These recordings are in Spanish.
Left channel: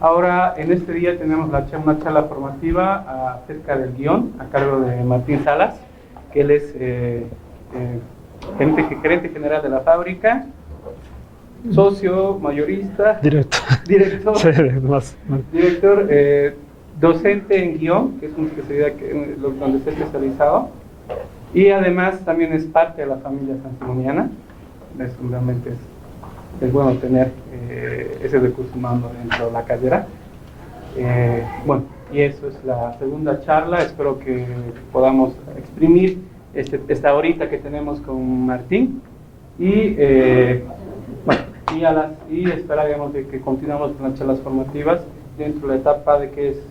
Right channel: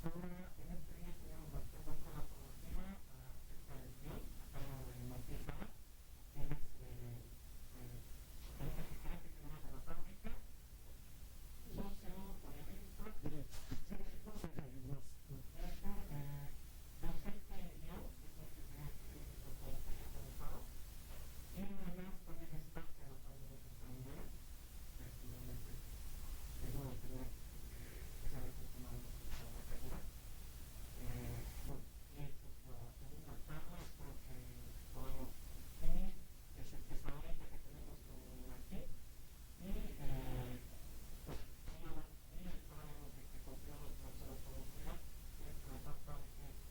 Ahora, en este día tenemos una charla formativa acerca del guión a cargo de Martín Salas, que él es gerente general de la fábrica, socio, mayorista, director, docente en guión, que es una especialidad donde está especializado, y además también es parte de la familia sansimoniana. Realmente es bueno tener ese recurso humano dentro de la carrera. Bueno, y eso es la segunda charla. Espero que podamos exprimir esta horita que tenemos con Martín y bueno, y esperaríamos de que continuemos con las charlas formativas dentro de la etapa de que es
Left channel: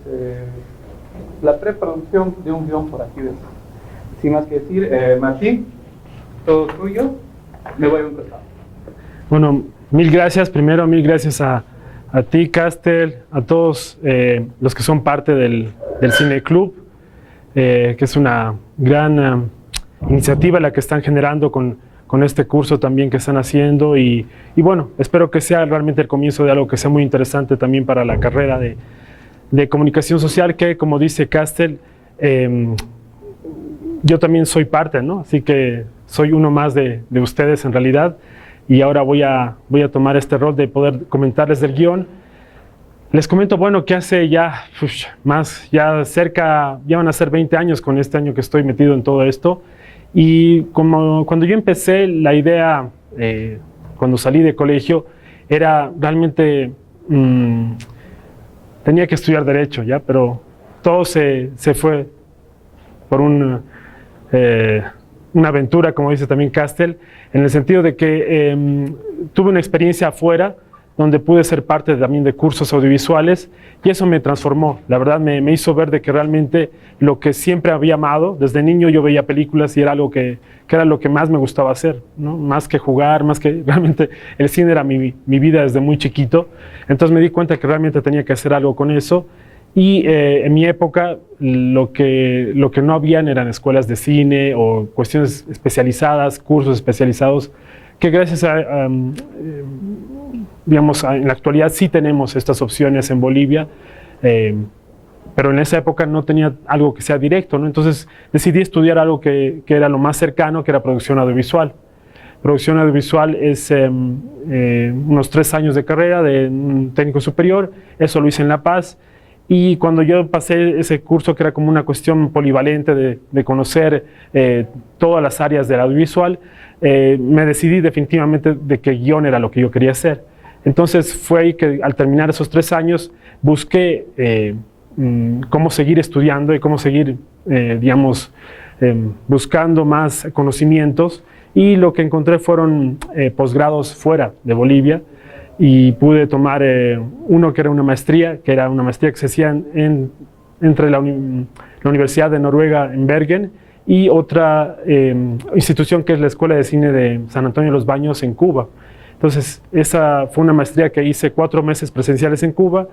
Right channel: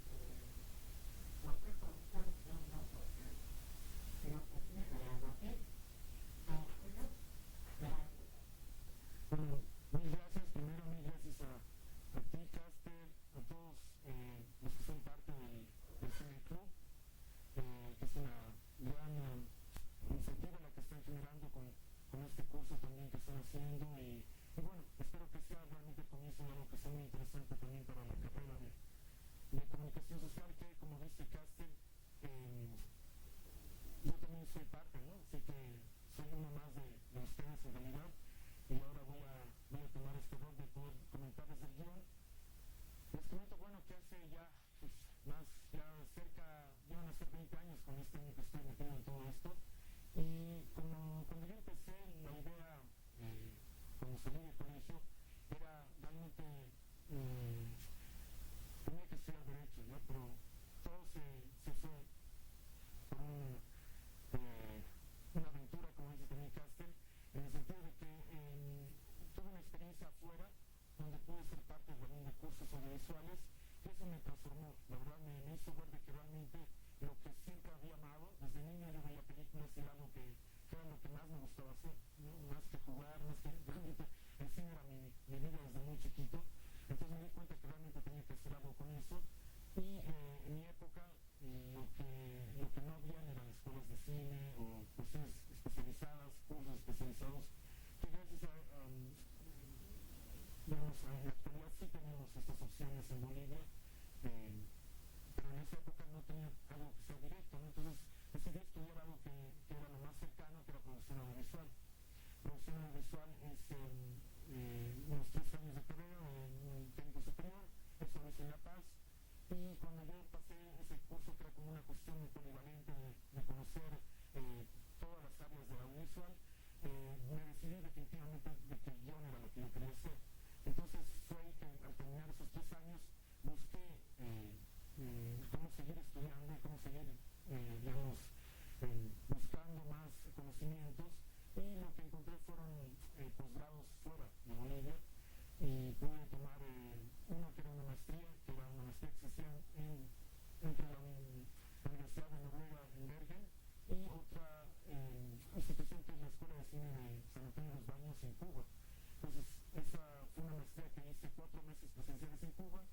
la preproducción de un guión por aquí. Sin más que decir, Martín, todo tuyo. Me voy a empezar. Bueno, mil gracias. Primero, mil gracias a ti, Castel, a todos los que son parte del Cine Club, que es una gran iniciativa la que están generando con este curso también que están haciendo. Y bueno, espero que sea realmente el comienzo de algo que sea muy interesante también para la carrera de comunicación social, que como dice Castel, yo también soy parte, ¿no? Así que soy uno más de ustedes en realidad. Y ahora voy a tomar este rol de poder comentarles del guión. Les comento, bueno, que hace ya ya van a ser 20 años con este año que estoy metido en todo esto. Y cuando yo empecé, la idea, cuando salí de colegio, era realmente, tenía que estudiar Derecho, ¿ya? Pero todo se fue por una aventura, como dice también Castel, en el sentido de que tuve una experiencia afuera donde pude ser parte también de cursos audiovisuales y eso me transformó. La verdad me hizo ver de que realmente lo que siempre había amado, desde niño yo veía películas y era algo que era lo que más me gustaba hacer, ¿no? Más que jugar, más que realmente el cine era mi vida desde muy chiquito. Entonces me di cuenta que realmente tenía que hacer algo con eso. Y en mi época lo que no habían eran escuelas de cine o cuestiones especializadas, cursos especializados, que gracias digamos, en la actualidad sí tenemos estas opciones en Bolivia, pero en esa época no tenía algo que sea directo, ¿no? Entonces decidí estudiar algo que era lo más cercano, que era producción audiovisual. Producción audiovisual es unos 3 años de carrera de un técnico superior, eso lo hice en La Paz. Y cuando yo pasé ese curso, que era como una cuestión polivalente de conocer todas las áreas del audiovisual, me decidí definitivamente de que guión era lo que yo quería hacer. Entonces fue ahí que al terminar esos 3 años busqué cómo seguir estudiando y cómo seguir, digamos, buscando más conocimientos. Y lo que encontré fueron posgrados fuera de Bolivia. Y pude tomar uno que era una maestría que se hacía entre la Universidad de Noruega en Bergen y otra institución que es la Escuela de Cine de San Antonio de los Baños en Cuba. Entonces, esa fue una maestría que hice 4 meses presenciales en Cuba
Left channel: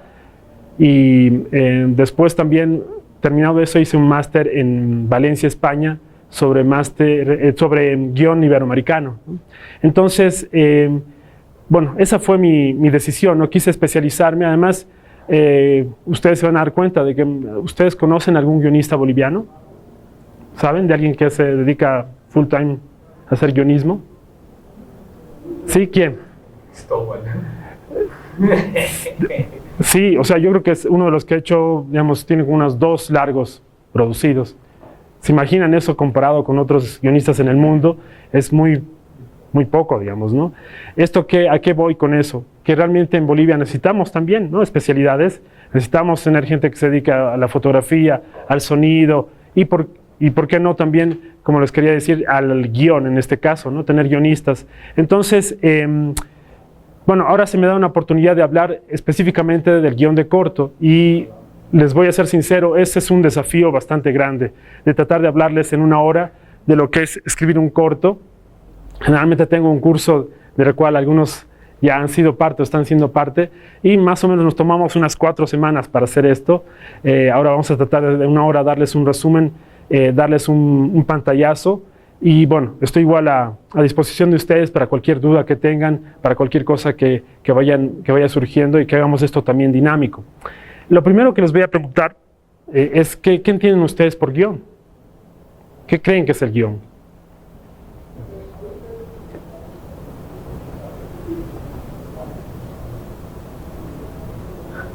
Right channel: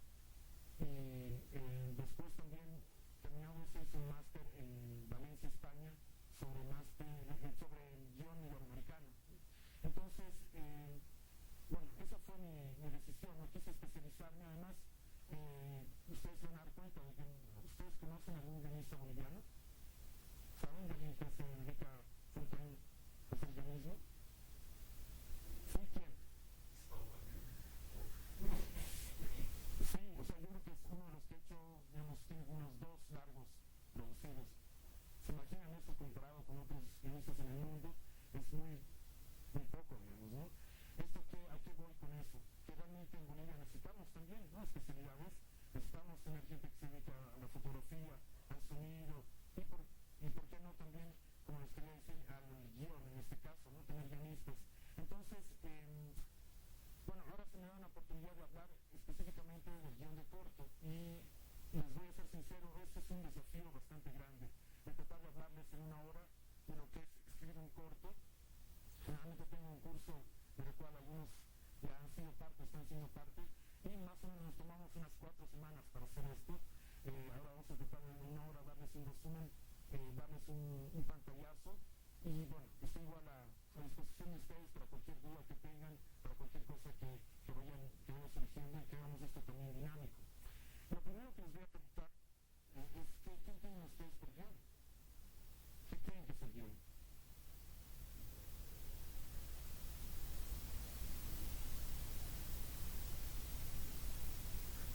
y después también, terminado eso, hice un máster en Valencia, España, sobre guión iberoamericano. Entonces, bueno, esa fue mi decisión, no quise especializarme. Además, ustedes se van a dar cuenta de que ustedes conocen algún guionista boliviano, ¿saben? De alguien que se dedica full time a hacer guionismo. ¿Sí? ¿Quién? Sí, o sea, yo creo que es uno de los que ha hecho, digamos, tiene unos 2 largos producidos. ¿Se imaginan eso comparado con otros guionistas en el mundo? Es muy poco, digamos, ¿no? ¿A qué voy con eso? Que realmente en Bolivia necesitamos también, ¿no?, especialidades. Necesitamos tener gente que se dedica a la fotografía, al sonido y por qué no también, como les quería decir, al guión en este caso, ¿no? Tener guionistas. Entonces, bueno, ahora se me da una oportunidad de hablar específicamente del guión de corto y les voy a ser sincero, ese es un desafío bastante grande, de tratar de hablarles en 1 hora de lo que es escribir un corto. Generalmente tengo un curso del cual algunos ya han sido parte o están siendo parte y más o menos nos tomamos unas 4 semanas para hacer esto. Ahora vamos a tratar de 1 hora darles un resumen, darles un pantallazo Y bueno, estoy igual a disposición de ustedes para cualquier duda que tengan, para cualquier cosa que vaya surgiendo y que hagamos esto también dinámico. Lo primero que les voy a preguntar es ¿qué entienden ustedes por guión? ¿Qué creen que es el guión?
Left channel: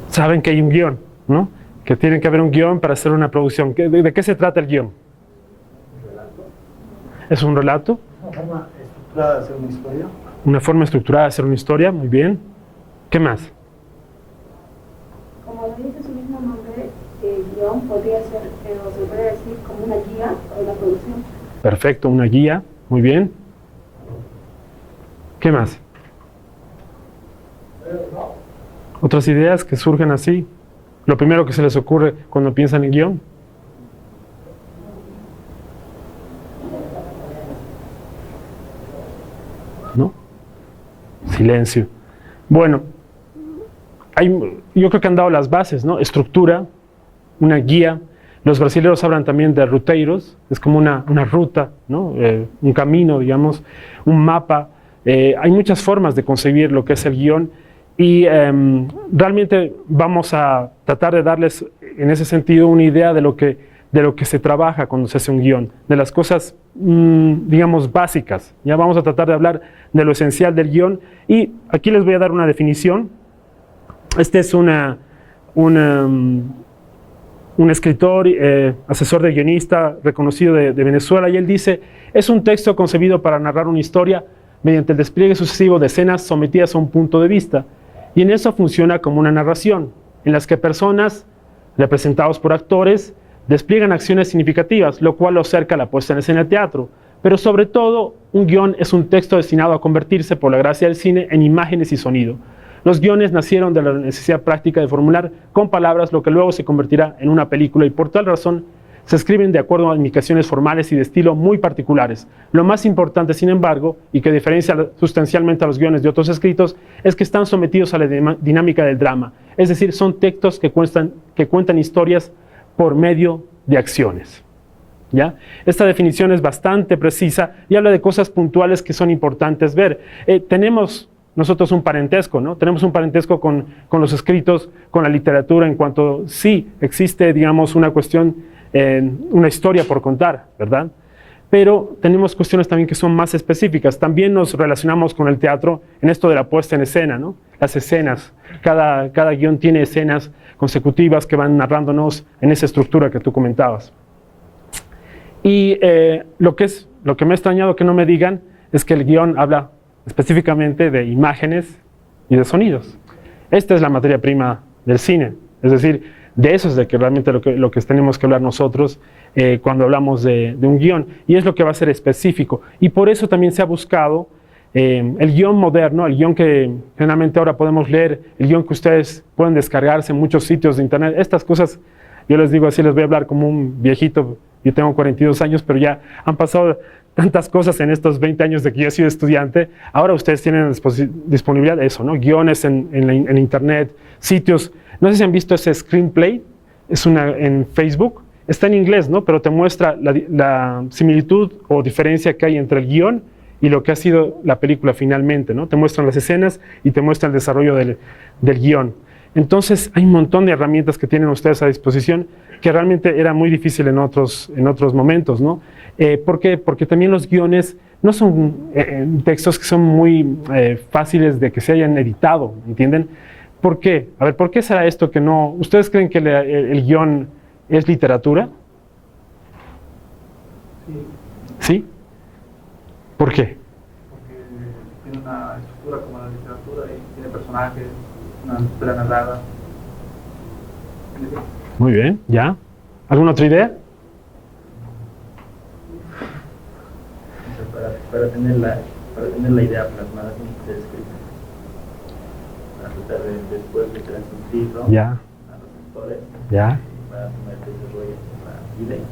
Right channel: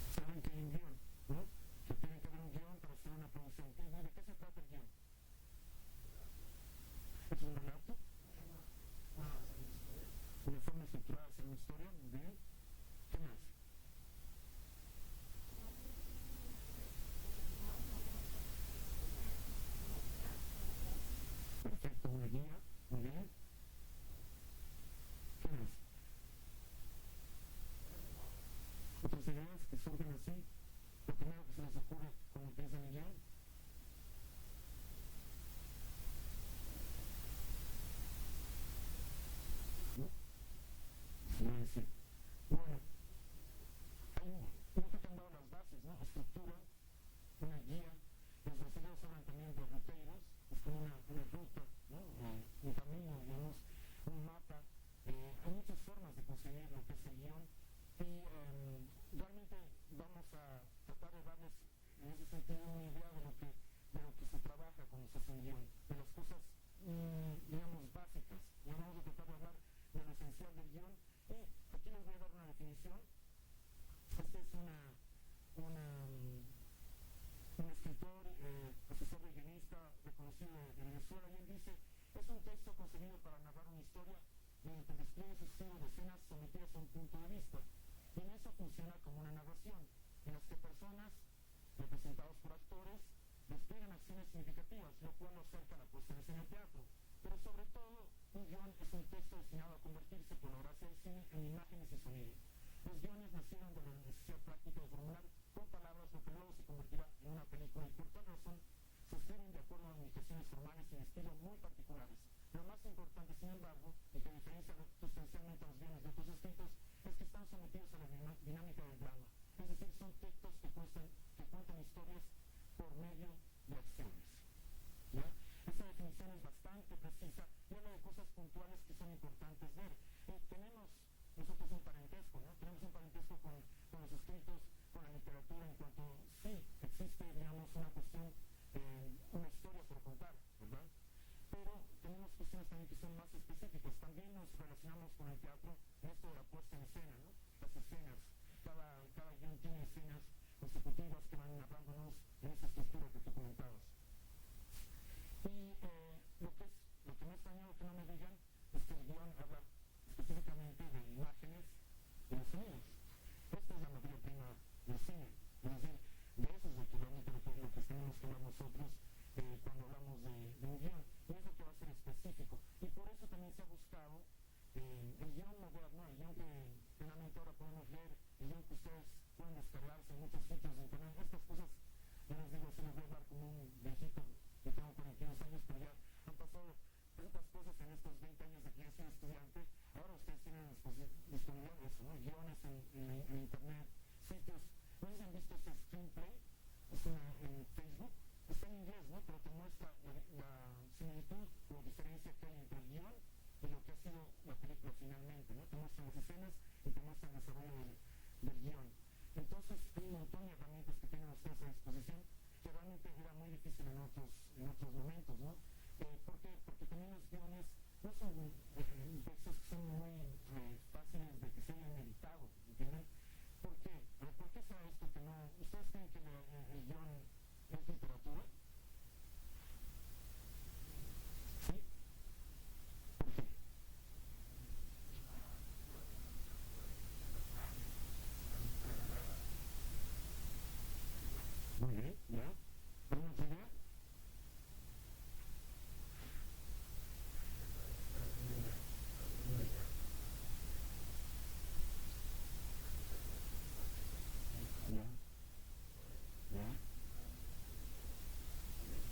Saben que hay un guión, ¿no? Que tiene que haber un guión para hacer una producción. ¿De qué se trata el guión? ¿Es un relato? Una forma estructurada de hacer una historia. Una forma estructurada de hacer una historia, muy bien. ¿Qué más? Como lo dice su mismo nombre, el guión podría ser, o se podría decir, como una guía para la producción. Perfecto, una guía, muy bien. ¿Qué más? ¿Otras ideas que surgen así? Lo primero que se les ocurre cuando piensan en guión. ¿No? Silencio. Bueno, yo creo que han dado las bases, ¿no? Estructura, una guía. Los brasileños hablan también de ruteiros, es como una ruta, ¿no? Un camino, digamos, un mapa. Hay muchas formas de concebir lo que es el guión y realmente vamos a tratar de darles en ese sentido una idea de lo que se trabaja cuando se hace un guión, de las cosas, digamos, básicas. Ya vamos a tratar de hablar de lo esencial del guión y aquí les voy a dar una definición. Este es un escritor, asesor de guionista reconocido de Venezuela, y él dice: es un texto concebido para narrar una historia mediante el despliegue sucesivo de escenas sometidas a un punto de vista, y en eso funciona como una narración, en las que personas, representados por actores, despliegan acciones significativas, lo cual lo acerca a la puesta en escena del teatro. Pero sobre todo, un guión es un texto destinado a convertirse, por la gracia del cine, en imágenes y sonido. Los guiones nacieron de la necesidad práctica de formular con palabras lo que luego se convertirá en una película, y por tal razón se escriben de acuerdo a indicaciones formales y de estilo muy particulares. Lo más importante, sin embargo, y que diferencia sustancialmente a los guiones de otros escritos, es que están sometidos a la dinámica del drama. Es decir, son textos que cuentan historias por medio de acciones. ¿Ya? Esta definición es bastante precisa y habla de cosas puntuales que son importantes ver. Tenemos nosotros un parentesco, ¿no? Tenemos un parentesco con los escritos, con la literatura, en cuanto sí existe, digamos, una cuestión, una historia por contar, ¿verdad? Pero tenemos cuestiones también que son más específicas. También nos relacionamos con el teatro en esto de la puesta en escena, ¿no? Las escenas. Cada guión tiene escenas consecutivas que van narrándonos en esa estructura que tú comentabas. Y lo que me ha extrañado que no me digan es que el guión habla específicamente de imágenes y de sonidos. Esta es la materia prima del cine, es decir, de eso es de que realmente lo que tenemos que hablar nosotros cuando hablamos de un guión, y es lo que va a ser específico. Y por eso también se ha buscado el guión moderno, el guión que generalmente ahora podemos leer, el guión que ustedes pueden descargarse en muchos sitios de internet. Estas cosas, yo les digo así, les voy a hablar como un viejito. Yo tengo 42 años, pero ya han pasado tantas cosas en estos 20 años de que yo he sido estudiante. Ahora ustedes tienen disponibilidad de eso, ¿no? Guiones en internet, sitios. No sé si han visto ese Screenplay, es en Facebook. Está en inglés, ¿no? Pero te muestra la similitud o diferencia que hay entre el guión y lo que ha sido la película finalmente, ¿no? Te muestran las escenas y te muestra el desarrollo del guión. Entonces, hay un montón de herramientas que tienen ustedes a disposición que realmente era muy difícil en otros momentos, ¿no? ¿Por qué? Porque también los guiones no son textos que son muy fáciles de que se hayan editado, ¿entienden? ¿Por qué? A ver, ¿por qué será esto que no? ¿Ustedes creen que el guión es literatura? Sí. ¿Sí? ¿Por qué? Porque tiene una estructura como la literatura y tiene personajes, una historia narrada. Muy bien, ¿ya? ¿Alguna otra idea? Para tener la idea plasmada como ustedes escriben, para tratar de después de transmitirlo Ya. a los lectores, ¿Ya? para poner desarrollo la idea.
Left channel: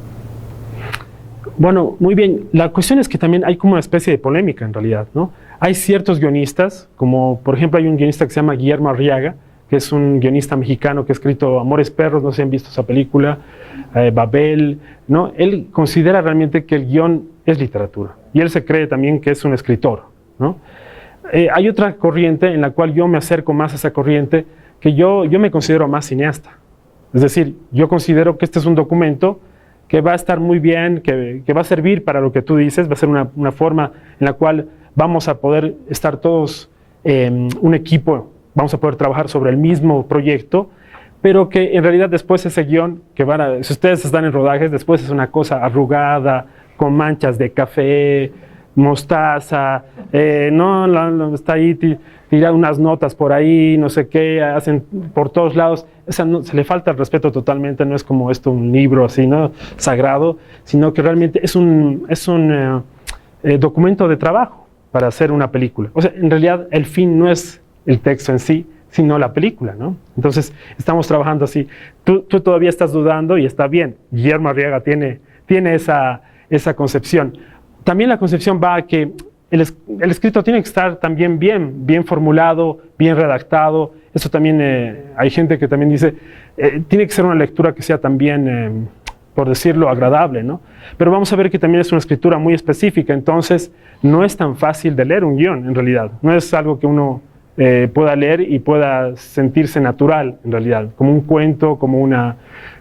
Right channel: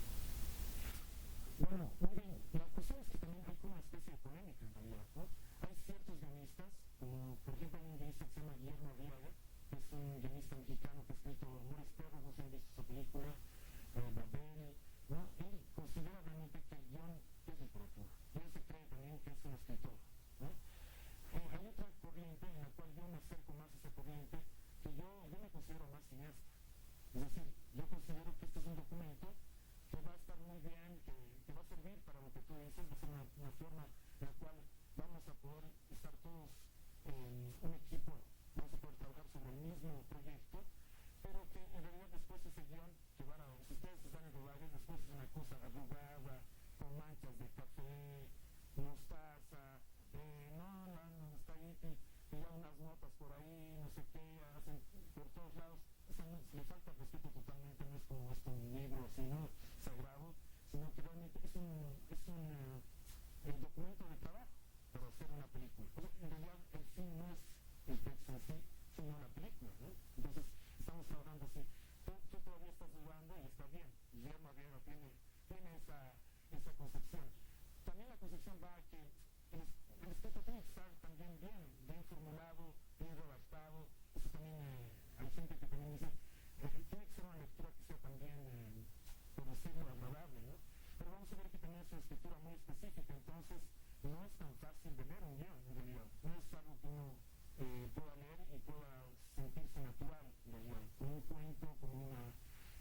Bueno, muy bien. La cuestión es que también hay como una especie de polémica en realidad, ¿no? Hay ciertos guionistas, como por ejemplo hay un guionista que se llama Guillermo Arriaga, que es un guionista mexicano que ha escrito Amores Perros, no sé si han visto esa película, Babel, ¿no? Él considera realmente que el guión es literatura, y él se cree también que es un escritor, ¿no? Hay otra corriente en la cual yo me acerco más a esa corriente, que yo me considero más cineasta. Es decir, yo considero que este es un documento que va a estar muy bien, que va a servir para lo que tú dices, va a ser una forma en la cual vamos a poder estar todos un equipo, vamos a poder trabajar sobre el mismo proyecto, pero que en realidad después ese guión, si ustedes están en rodajes, después es una cosa arrugada, con manchas de café, mostaza, está ahí tirar unas notas por ahí, no sé qué, hacen por todos lados. Se le falta el respeto totalmente, no es como esto un libro así, ¿no? Sagrado, sino que realmente es un documento de trabajo para hacer una película. O sea, en realidad el fin no es el texto en sí, sino la película, ¿no? Entonces, estamos trabajando así. Tú todavía estás dudando y está bien. Guillermo Arriaga tiene esa concepción. También la concepción va a que el escrito tiene que estar también bien formulado, bien redactado. Eso también, hay gente que también dice, tiene que ser una lectura que sea también, por decirlo, agradable, ¿no? Pero vamos a ver que también es una escritura muy específica, entonces no es tan fácil de leer un guión, en realidad. No es algo que uno pueda leer y pueda sentirse natural, en realidad, como un cuento, como una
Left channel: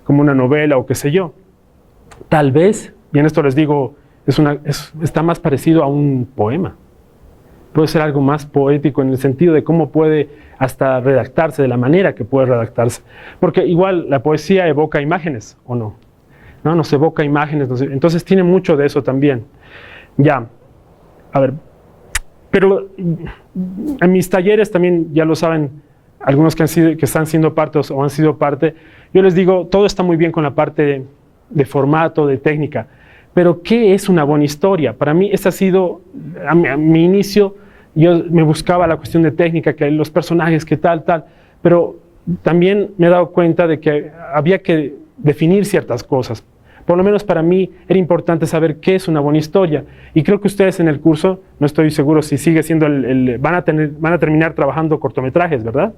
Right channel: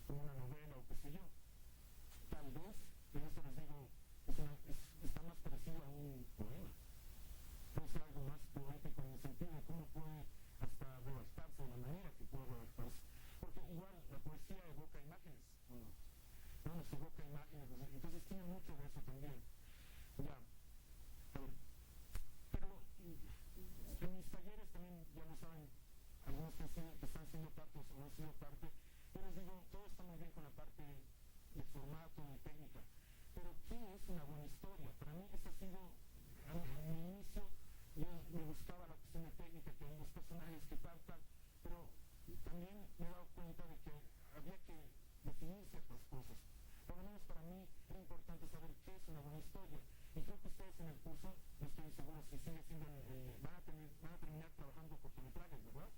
novela o qué sé yo. Tal vez, y en esto les digo, está más parecido a un poema. Puede ser algo más poético en el sentido de cómo puede hasta redactarse, de la manera que puede redactarse. Porque igual la poesía evoca imágenes, ¿o no? Nos evoca imágenes, entonces tiene mucho de eso también. Ya, a ver, pero en mis talleres también, ya lo saben, algunos que están siendo parte o han sido parte, yo les digo, todo está muy bien con la parte de formato, de técnica, pero ¿qué es una buena historia? Para mí, ese ha sido, a mi inicio, yo me buscaba la cuestión de técnica, que los personajes, que tal, pero también me he dado cuenta de que había que definir ciertas cosas. Por lo menos para mí era importante saber qué es una buena historia. Y creo que ustedes en el curso, no estoy seguro si sigue siendo van a terminar trabajando cortometrajes, ¿verdad?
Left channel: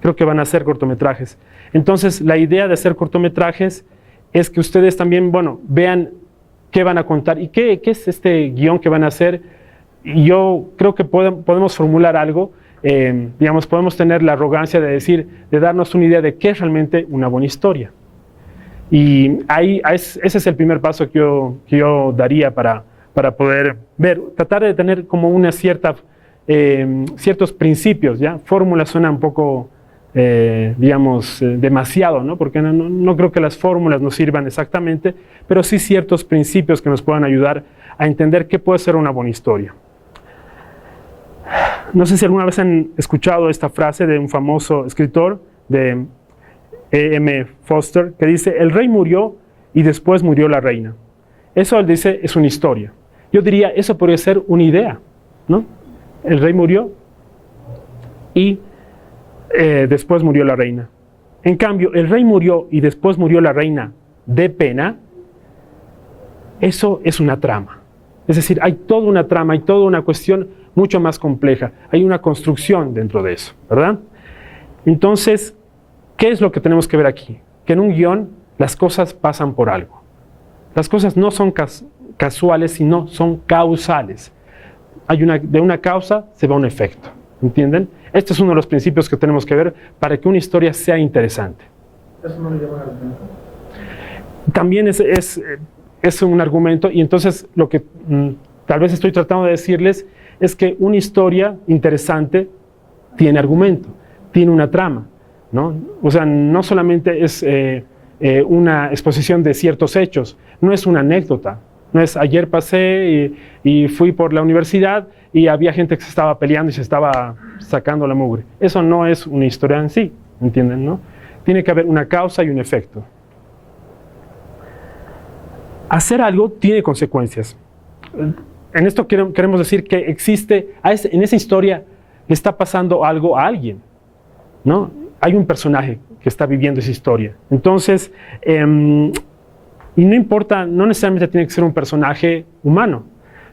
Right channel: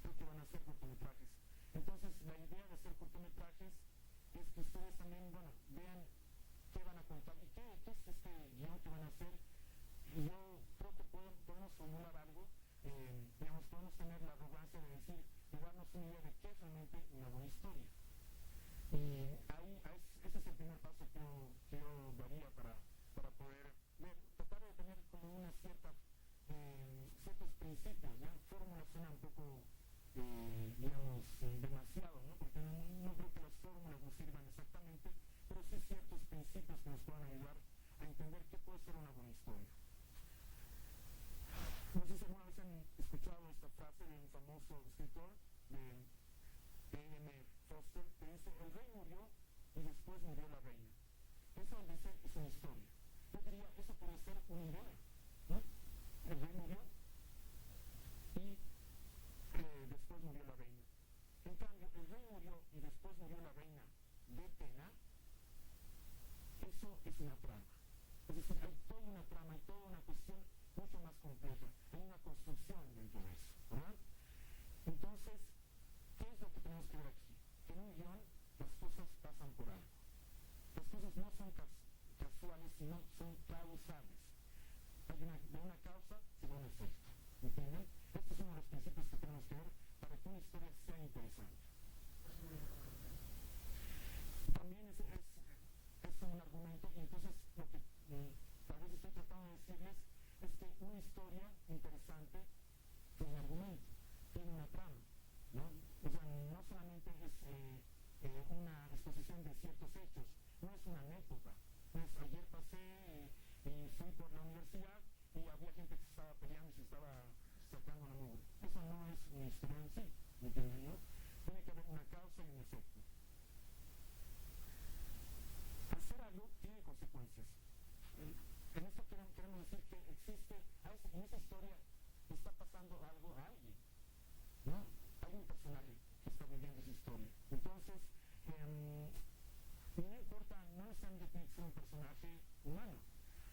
Creo que van a hacer cortometrajes. Entonces, la idea de hacer cortometrajes es que ustedes también, vean qué van a contar y qué es este guión que van a hacer. Y yo creo que podemos formular algo, podemos tener la arrogancia de darnos una idea de qué es realmente una buena historia. Y ese es el primer paso que yo daría para poder ver, tratar de tener como ciertos principios, ¿ya? Fórmulas suena un poco, demasiado, ¿no? Porque no creo que las fórmulas nos sirvan exactamente, pero sí ciertos principios que nos puedan ayudar a entender qué puede ser una buena historia. No sé si alguna vez han escuchado esta frase de un famoso escritor, de E.M. Foster, que dice, el rey murió y después murió la reina. Eso él dice es una historia. Yo diría, eso podría ser una idea, ¿no? El rey murió y después murió la reina. En cambio, el rey murió y después murió la reina de pena, eso es una trama. Es decir, hay toda una trama, hay toda una cuestión mucho más compleja. Hay una construcción dentro de eso, ¿verdad? Entonces, ¿qué es lo que tenemos que ver aquí? Que en un guión las cosas pasan por algo. Las cosas no son casuales, sino son causales. De una causa se va un efecto, ¿entienden? Este es uno de los principios que tenemos que ver para que una historia sea interesante. ¿Eso no le llama la atención? También es un argumento, y entonces lo que tal vez estoy tratando de decirles es que una historia interesante tiene argumento, tiene una trama, ¿no? O sea, no solamente es una exposición de ciertos hechos, no es una anécdota, no es ayer pasé y fui por la universidad y había gente que se estaba peleando y se estaba sacando la mugre. Eso no es una historia en sí, ¿entienden, no? Tiene que haber una causa y un efecto. Hacer algo tiene consecuencias. En esto queremos decir que existe, en esa historia le está pasando algo a alguien, ¿no? Hay un personaje que está viviendo esa historia. Entonces, y no importa, no necesariamente tiene que ser un personaje humano,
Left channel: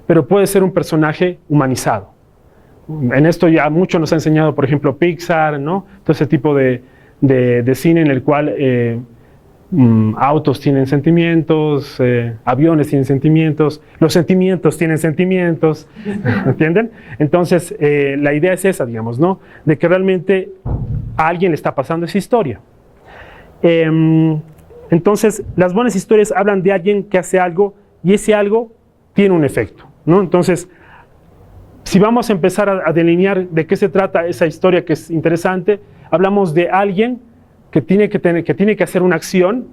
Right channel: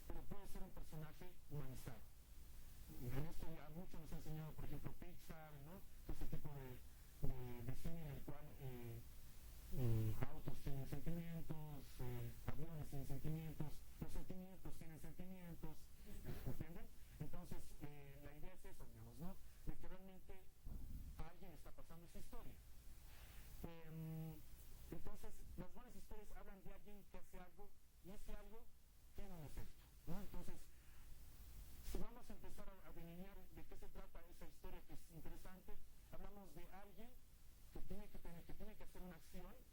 pero puede ser un personaje humanizado. En esto ya mucho nos ha enseñado, por ejemplo, Pixar, ¿no? Todo ese tipo de cine en el cual autos tienen sentimientos, aviones tienen sentimientos, los sentimientos tienen sentimientos, ¿entienden? Entonces, la idea es esa, digamos, ¿no? De que realmente a alguien le está pasando esa historia. Entonces, las buenas historias hablan de alguien que hace algo y ese algo tiene un efecto, ¿no? Entonces, si vamos a empezar a delinear de qué se trata esa historia que es interesante, hablamos de alguien que tiene que hacer una acción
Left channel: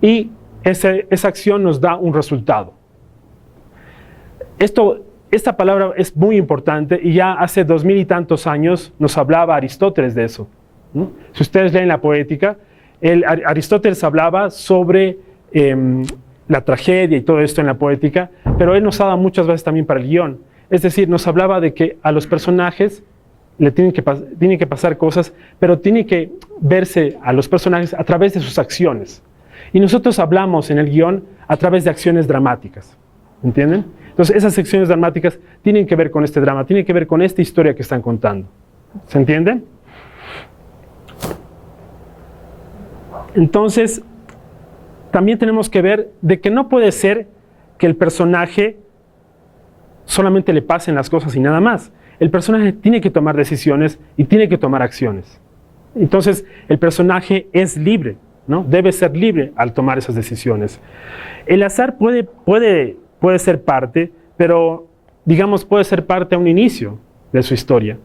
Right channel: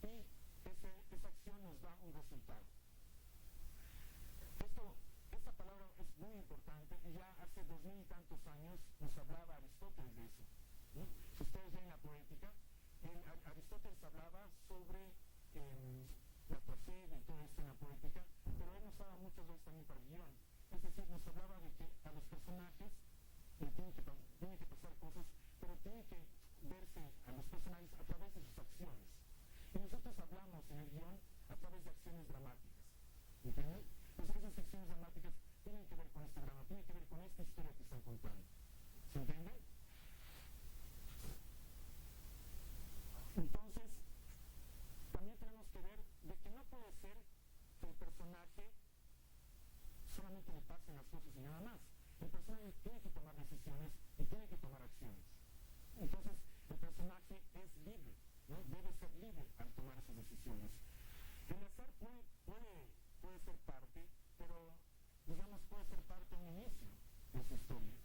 y esa acción nos da un resultado. Esta palabra es muy importante y ya hace 2000 y tantos años nos hablaba Aristóteles de eso, ¿no? Si ustedes leen la Poética, Aristóteles hablaba sobre la tragedia y todo esto en la Poética, pero él nos ha dado muchas veces también para el guión. Es decir, nos hablaba de que a los personajes le tienen que pasar cosas, pero tiene que verse a los personajes a través de sus acciones. Y nosotros hablamos en el guión a través de acciones dramáticas, ¿entienden? Entonces, esas acciones dramáticas tienen que ver con este drama, tienen que ver con esta historia que están contando. ¿Se entiende? Entonces, también tenemos que ver de que no puede ser que el personaje solamente le pasen las cosas y nada más. El personaje tiene que tomar decisiones y tiene que tomar acciones. Entonces, el personaje es libre, ¿no? Debe ser libre al tomar esas decisiones. El azar puede ser parte, pero, digamos, puede ser parte a un inicio de su historia.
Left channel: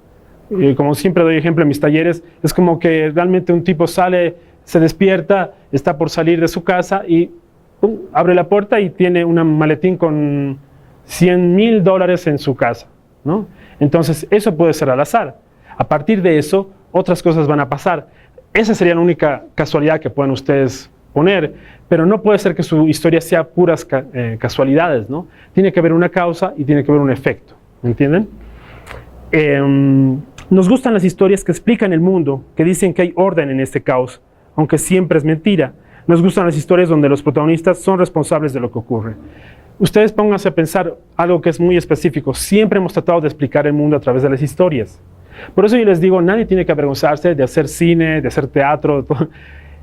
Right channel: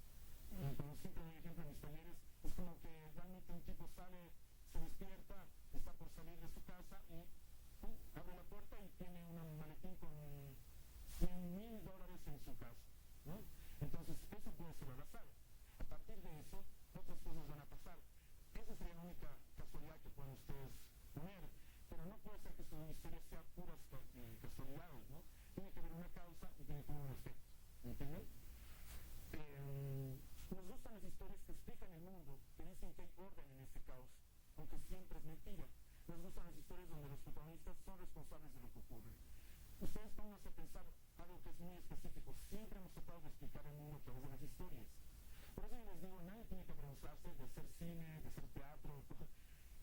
Como siempre doy ejemplo en mis talleres, es como que realmente un tipo sale, se despierta, está por salir de su casa y ¡pum!, abre la puerta y tiene un maletín con $100,000 en su casa, ¿no? Entonces, eso puede ser al azar. A partir de eso, otras cosas van a pasar. Esa sería la única casualidad que pueden ustedes poner, pero no puede ser que su historia sea puras casualidades, ¿no? Tiene que haber una causa y tiene que haber un efecto, ¿me entienden? Nos gustan las historias que explican el mundo, que dicen que hay orden en este caos, aunque siempre es mentira. Nos gustan las historias donde los protagonistas son responsables de lo que ocurre. Ustedes pónganse a pensar algo que es muy específico. Siempre hemos tratado de explicar el mundo a través de las historias. Por eso yo les digo, nadie tiene que avergonzarse de hacer cine, de hacer teatro. Todo.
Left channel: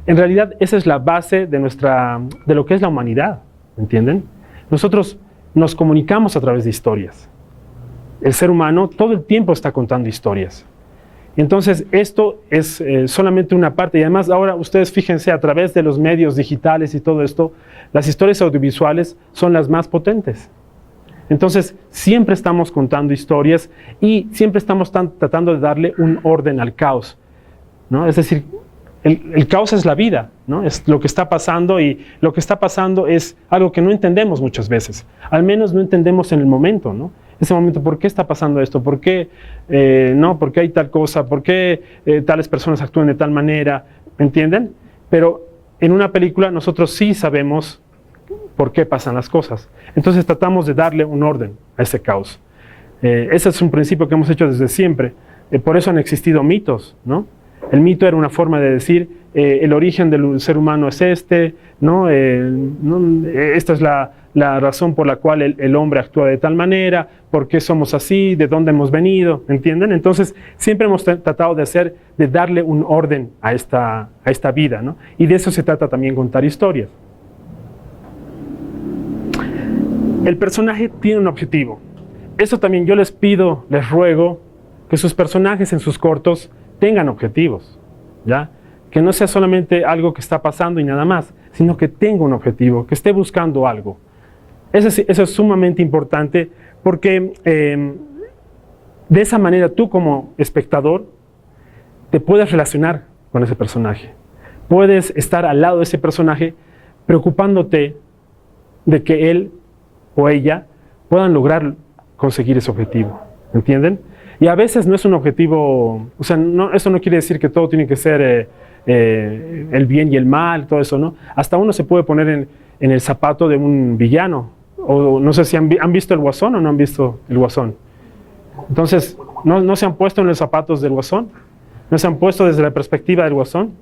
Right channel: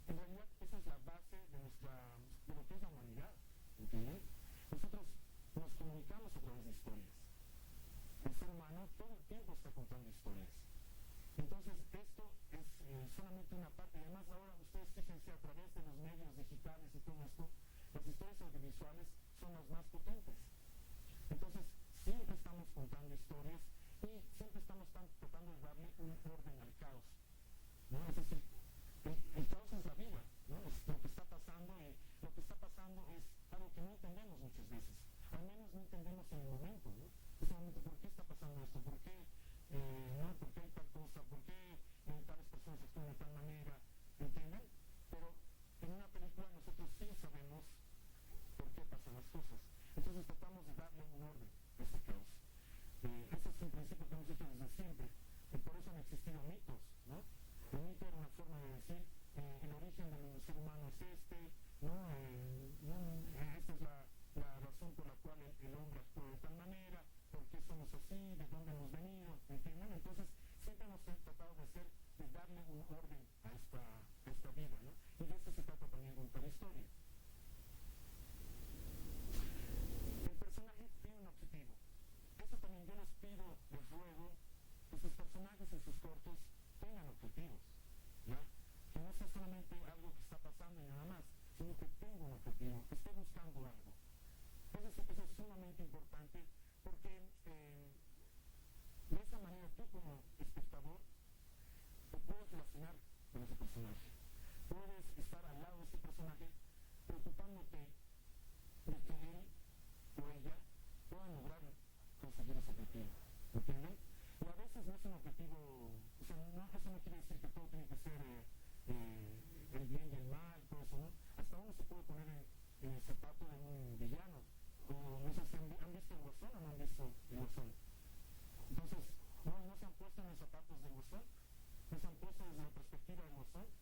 En realidad, esa es la base de lo que es la humanidad, ¿entienden? Nosotros nos comunicamos a través de historias. El ser humano todo el tiempo está contando historias. Entonces, esto es solamente una parte. Y además, ahora ustedes fíjense, a través de los medios digitales y todo esto, las historias audiovisuales son las más potentes. Entonces, siempre estamos contando historias y siempre estamos tratando de darle un orden al caos, ¿no? Es decir, el caos es la vida, ¿no? Es lo que está pasando y lo que está pasando es algo que no entendemos muchas veces. Al menos no entendemos en el momento, ¿no? Ese momento, ¿por qué está pasando esto? ¿Por qué no? ¿Por qué hay tal cosa? ¿Por qué tales personas actúan de tal manera? ¿Entienden? Pero en una película nosotros sí sabemos por qué pasan las cosas. Entonces tratamos de darle un orden a ese caos. Ese es un principio que hemos hecho desde siempre. Por eso han existido mitos, ¿no? El mito era una forma de decir, el origen del ser humano es este, ¿no? Esta es la razón por la cual el hombre actúa de tal manera, por qué somos así, de dónde hemos venido, ¿entienden? Entonces, siempre hemos tratado de darle un orden a esta vida, ¿no? Y de eso se trata también contar historias. El personaje tiene un objetivo. Eso también yo les pido, les ruego, que sus personajes en sus cortos tengan objetivos, ¿ya? Que no sea solamente algo que está pasando y nada más, sino que tenga un objetivo, que esté buscando algo. Eso es sumamente importante porque de esa manera tú como espectador te puedes relacionar con ese personaje. Puedes estar al lado de ese personaje preocupándote de que él o ella puedan lograr conseguir ese objetivo, ¿entienden? Y a veces no es un objetivo, o sea, eso no quiere decir que todo tiene que ser el bien y el mal, todo eso, ¿no? Hasta uno se puede poner en el zapato de un villano. O no sé si han visto el Guasón o no han visto el Guasón. Entonces, ¿no se han puesto en los zapatos del Guasón? ¿No se han puesto desde la perspectiva del Guasón?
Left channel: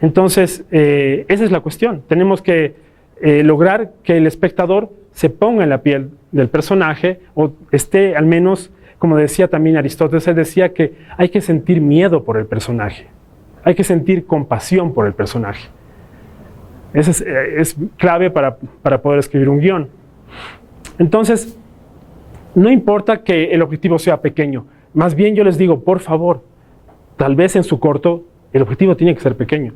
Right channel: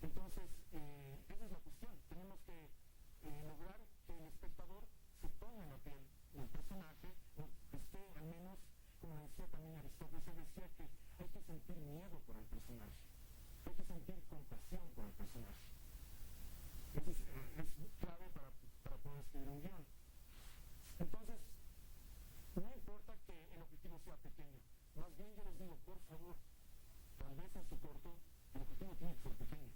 Entonces, esa es la cuestión. Tenemos que lograr que el espectador se ponga en la piel del personaje o esté al menos como decía también Aristóteles, él decía que hay que sentir miedo por el personaje, hay que sentir compasión por el personaje. Eso es clave para poder escribir un guión. Entonces, no importa que el objetivo sea pequeño, más bien yo les digo, por favor, tal vez en su corto el objetivo tiene que ser pequeño.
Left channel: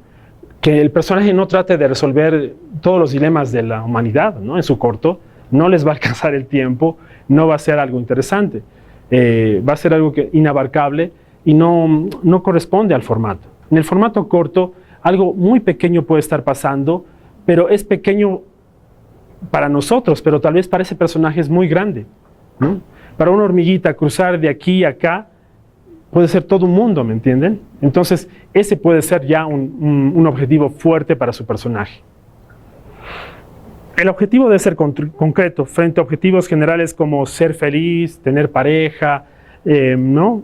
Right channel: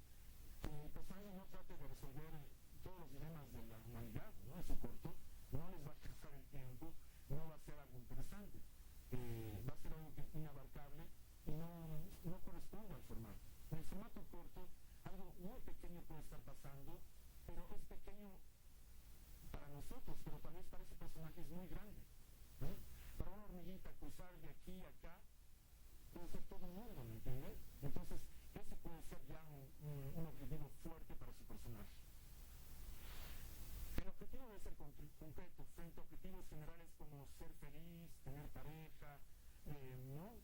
Que el personaje no trate de resolver todos los dilemas de la humanidad, ¿no? En su corto, no les va a alcanzar el tiempo, no va a ser algo interesante, va a ser algo inabarcable y no corresponde al formato. En el formato corto, algo muy pequeño puede estar pasando, pero es pequeño para nosotros, pero tal vez para ese personaje es muy grande, ¿no? Para una hormiguita cruzar de aquí a acá puede ser todo un mundo, ¿me entienden? Entonces, ese puede ser ya un objetivo fuerte para su personaje. El objetivo debe ser concreto frente a objetivos generales como ser feliz, tener pareja, ¿no?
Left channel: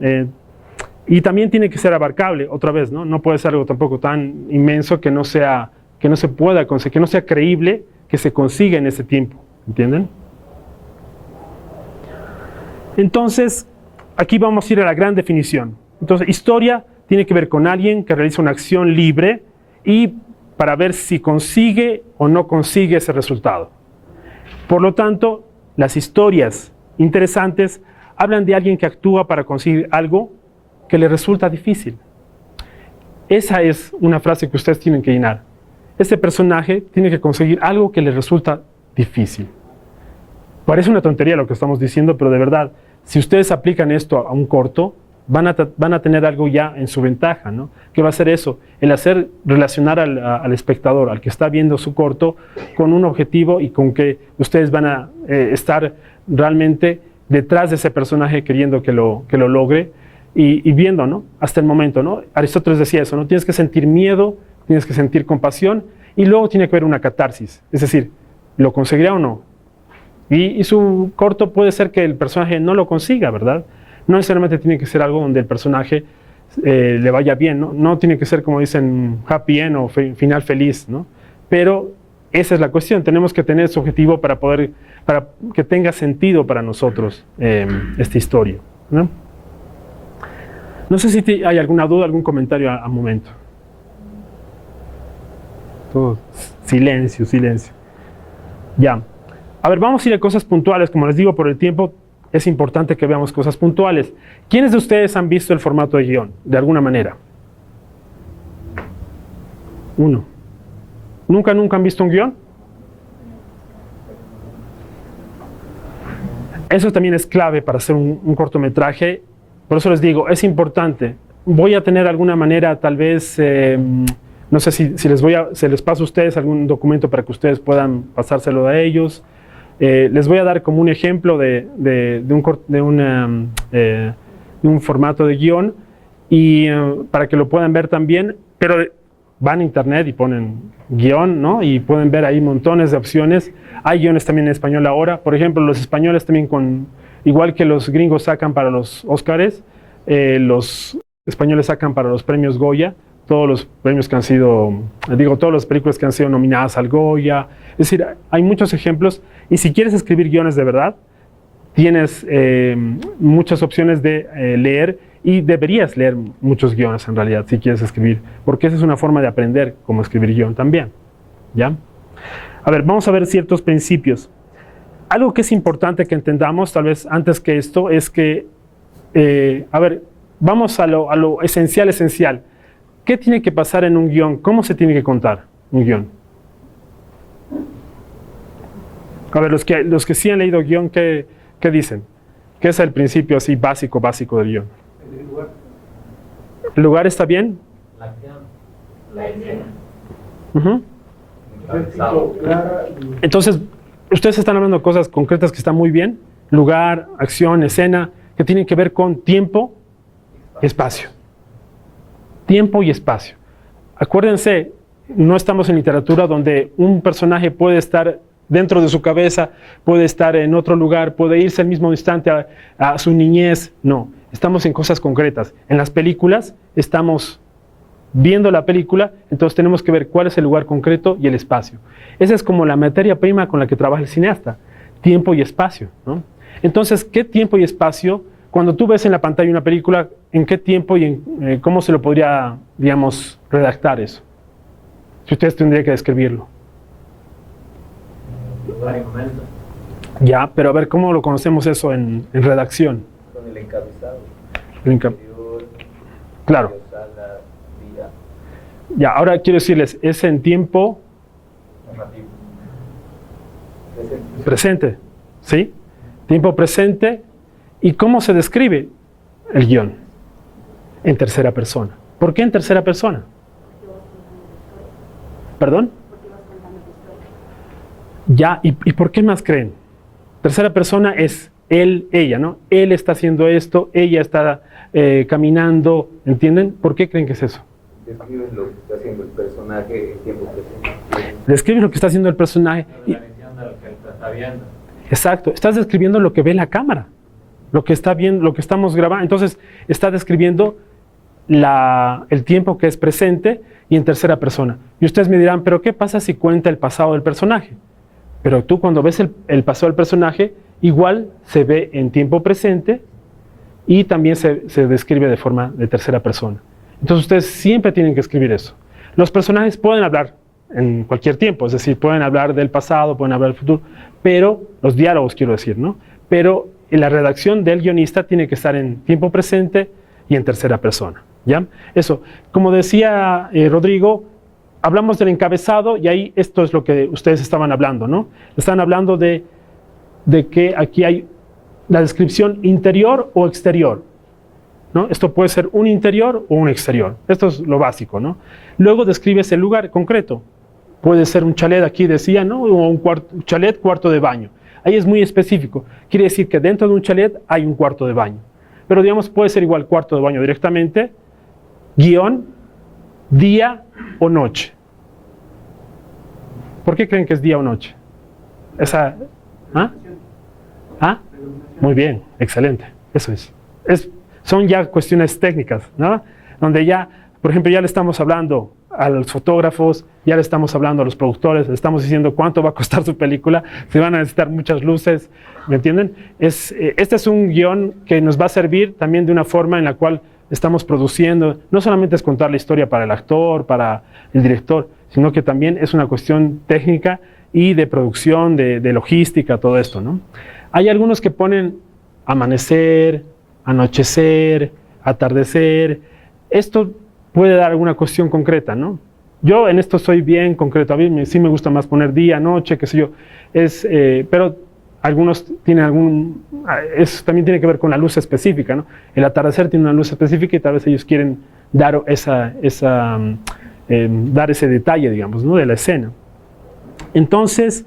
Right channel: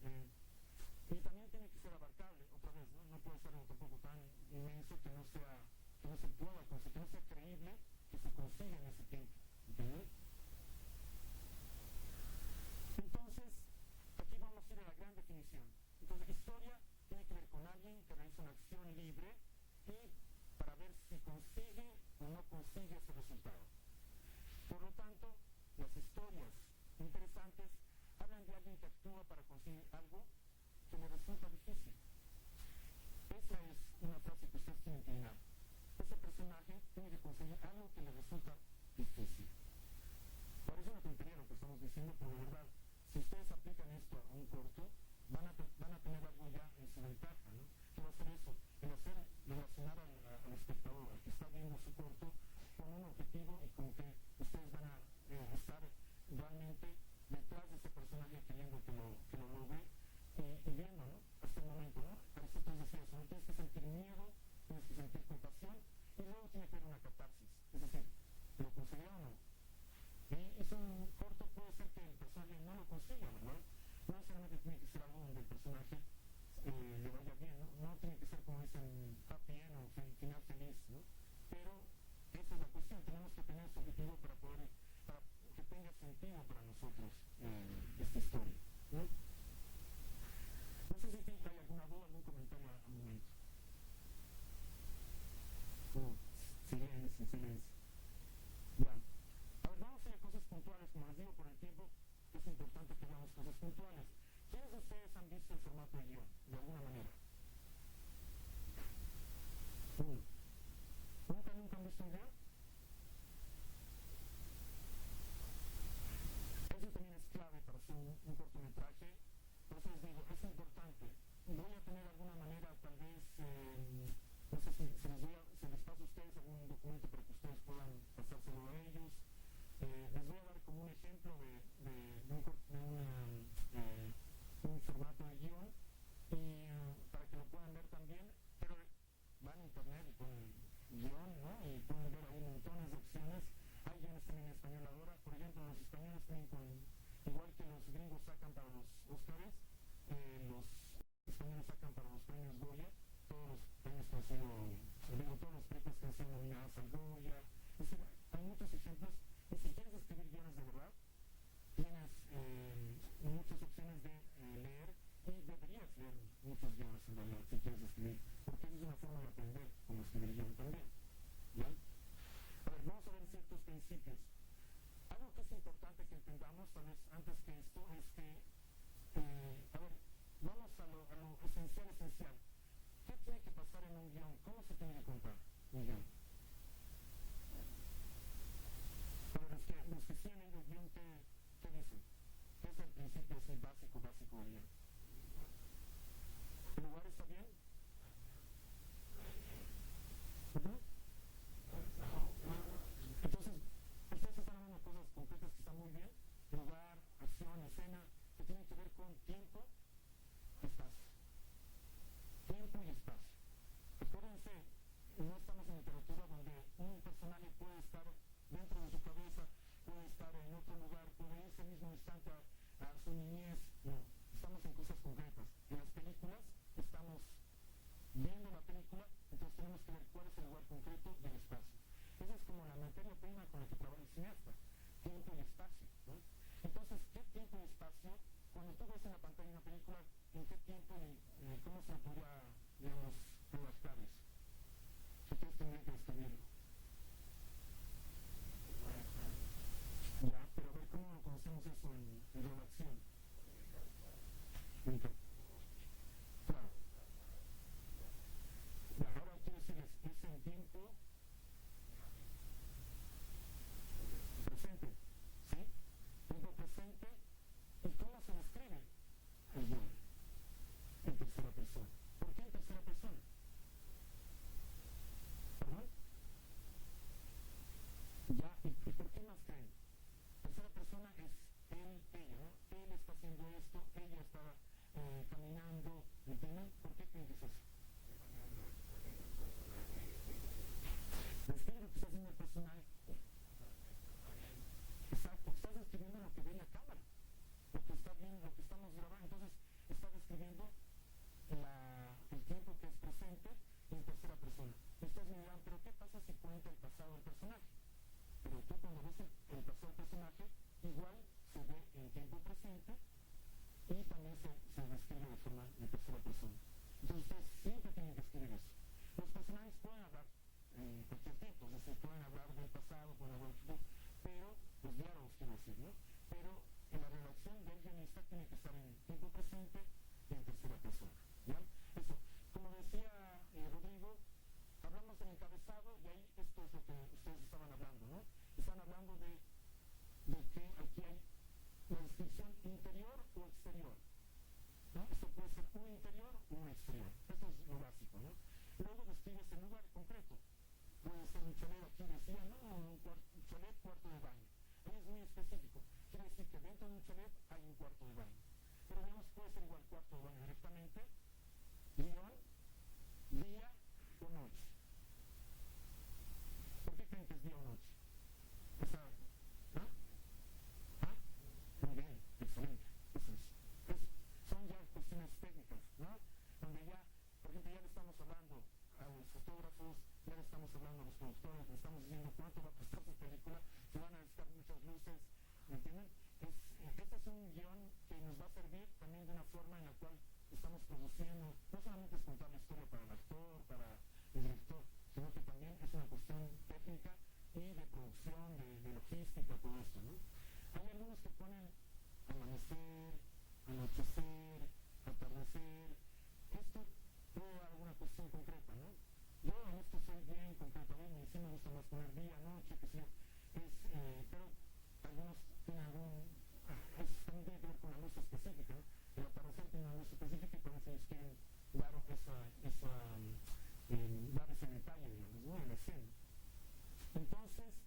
Y también tiene que ser abarcable, otra vez, ¿no? No puede ser algo tampoco tan inmenso que no se pueda conseguir, que no sea creíble que se consiga en ese tiempo, ¿entienden? Entonces, aquí vamos a ir a la gran definición. Entonces, historia tiene que ver con alguien que realiza una acción libre y para ver si consigue o no consigue ese resultado. Por lo tanto, las historias interesantes hablan de alguien que actúa para conseguir algo que le resulta difícil. Esa es una frase que ustedes tienen que llenar. Ese personaje tiene que conseguir algo que le resulta difícil. Parece una tontería lo que estamos diciendo, pero de verdad, si ustedes aplican esto a un corto, van a tener algo ya en su ventaja, ¿no? ¿Qué va a ser eso? El hacer relacionar al espectador, al que está viendo su corto, con un objetivo y con que ustedes van a estar realmente detrás de ese personaje queriendo que lo logre y viendo, ¿no? Hasta el momento, ¿no? Aristóteles decía eso, ¿no? Tienes que sentir miedo, tienes que sentir compasión y luego tiene que haber una catarsis, es decir, ¿lo conseguirá o no? Y su corto puede ser que el personaje no lo consiga, ¿verdad? No necesariamente tiene que ser algo donde el personaje le vaya bien, ¿no? No tiene que ser, como dicen, happy end o final feliz, ¿no? Pero esa es la cuestión, tenemos que tener ese objetivo para que tenga sentido para nosotros esta historia, ¿no? No sé si hay alguna duda, algún comentario al momento. Todo silencio, silencio. Ya. A ver, vamos a ir a cosas puntuales. Como les digo, por el tiempo es importante que veamos cosas puntuales. ¿Quiénes de ustedes han visto el formato de guión, de alguna manera? Uno. ¿Nunca han visto un guión? Eso también es clave para hacer un cortometraje. Por eso les digo, es importante. Voy a tener alguna manera, tal vez, no sé si se les paso a ustedes algún documento para que ustedes puedan pasárselo a ellos. Les voy a dar como un ejemplo de un formato de guión y para que lo puedan ver también, pero van a internet y ponen guión, ¿no? Y pueden ver ahí montones de opciones. Hay guiones también en español ahora. Por ejemplo, los españoles también igual que los gringos sacan para los Óscares, los españoles sacan para los premios Goya, todos los premios que han sido, todas las películas que han sido nominadas al Goya. Es decir, hay muchos ejemplos y si quieres escribir guiones de verdad, tienes muchas opciones de leer y deberías leer muchos guiones en realidad si quieres escribir, porque esa es una forma de aprender cómo escribir guión también, ¿ya? A ver, vamos a ver ciertos principios. Algo que es importante que entendamos, tal vez antes que esto, es que, a ver, vamos a lo esencial. ¿Qué tiene que pasar en un guión? ¿Cómo se tiene que contar un guión? A ver, los que sí han leído guión, ¿qué dicen? ¿Qué es el principio así básico del guión? El lugar. ¿El lugar está bien? La acción, la escena. Uh-huh. Entonces, ustedes están hablando de cosas concretas que están muy bien. Lugar, acción, escena, que tienen que ver con tiempo y espacio. Tiempo y espacio. Acuérdense, no estamos en literatura donde un personaje puede estar dentro de su cabeza, puede estar en otro lugar, puede irse al mismo instante a su niñez. No, estamos en cosas concretas. En las películas estamos viendo la película, entonces tenemos que ver cuál es el lugar concreto y el espacio. Esa es como la materia prima con la que trabaja el cineasta, tiempo y espacio, ¿no? Entonces, ¿qué tiempo y espacio cuando tú ves en la pantalla una película, ¿en qué tiempo y cómo se lo podría, digamos, redactar eso? Si ustedes tendrían que describirlo. Lugar y momento. Ya, pero a ver, ¿cómo lo conocemos eso en redacción? Con el encabezado. Interior, claro. Sala, día. Ya, ahora quiero decirles, es en tiempo Narrativo. presente, ¿sí? Tiempo presente. ¿Y cómo se describe el guión? En tercera persona. ¿Por qué en tercera persona? ¿Perdón? Ya, ¿y por qué más creen? Tercera persona es él, ella, ¿no? Él está haciendo esto, ella está caminando, ¿entienden? ¿Por qué creen que es eso? Describes lo que está haciendo el personaje en tiempo presente. Describes lo que está haciendo el personaje. La visión de lo que él está viendo. Exacto, estás describiendo lo que ve la cámara, lo que está viendo, lo que estamos grabando. Entonces, está describiendo el tiempo que es presente y en tercera persona. Y ustedes me dirán, ¿pero qué pasa si cuenta el pasado del personaje? Pero tú cuando ves el pasado del personaje, igual se ve en tiempo presente y también se describe de forma de tercera persona. Entonces ustedes siempre tienen que escribir eso. Los personajes pueden hablar en cualquier tiempo, es decir, pueden hablar del pasado, pueden hablar del futuro, pero los diálogos quiero decir, ¿no? Pero la redacción del guionista tiene que estar en tiempo presente y en tercera persona, ¿ya? Eso, como decía Rodrigo, hablamos del encabezado y ahí esto es lo que ustedes estaban hablando, ¿no? Están hablando de que aquí hay la descripción interior o exterior, ¿no? Esto puede ser un interior o un exterior. Esto es lo básico, ¿no? Luego describes el lugar concreto. Puede ser un chalet, aquí decía, ¿no? O un chalet, cuarto de baño. Ahí es muy específico. Quiere decir que dentro de un chalet hay un cuarto de baño. Pero digamos, puede ser igual cuarto de baño directamente, guión, día o noche. ¿Por qué creen que es día o noche? Esa, ¿ah? ¿Ah? Muy bien, excelente. Eso es. Son ya cuestiones técnicas, ¿no? Donde ya, por ejemplo, ya le estamos hablando a los fotógrafos, ya le estamos hablando a los productores, le estamos diciendo cuánto va a costar su película, se van a necesitar muchas luces, ¿me entienden? Este es un guión que nos va a servir también de una forma en la cual estamos produciendo, no solamente es contar la historia para el actor, para el director, sino que también es una cuestión técnica y de producción, de logística, todo esto, ¿no? Hay algunos que ponen amanecer, anochecer, atardecer. Esto puede dar alguna cuestión concreta, ¿no? Yo en esto soy bien concreto. A mí sí me gusta más poner día, noche, qué sé yo. Pero algunos tienen eso también tiene que ver con la luz específica, ¿no? El atardecer tiene una luz específica y tal vez ellos quieren dar dar ese detalle, digamos, ¿no? De la escena. Entonces,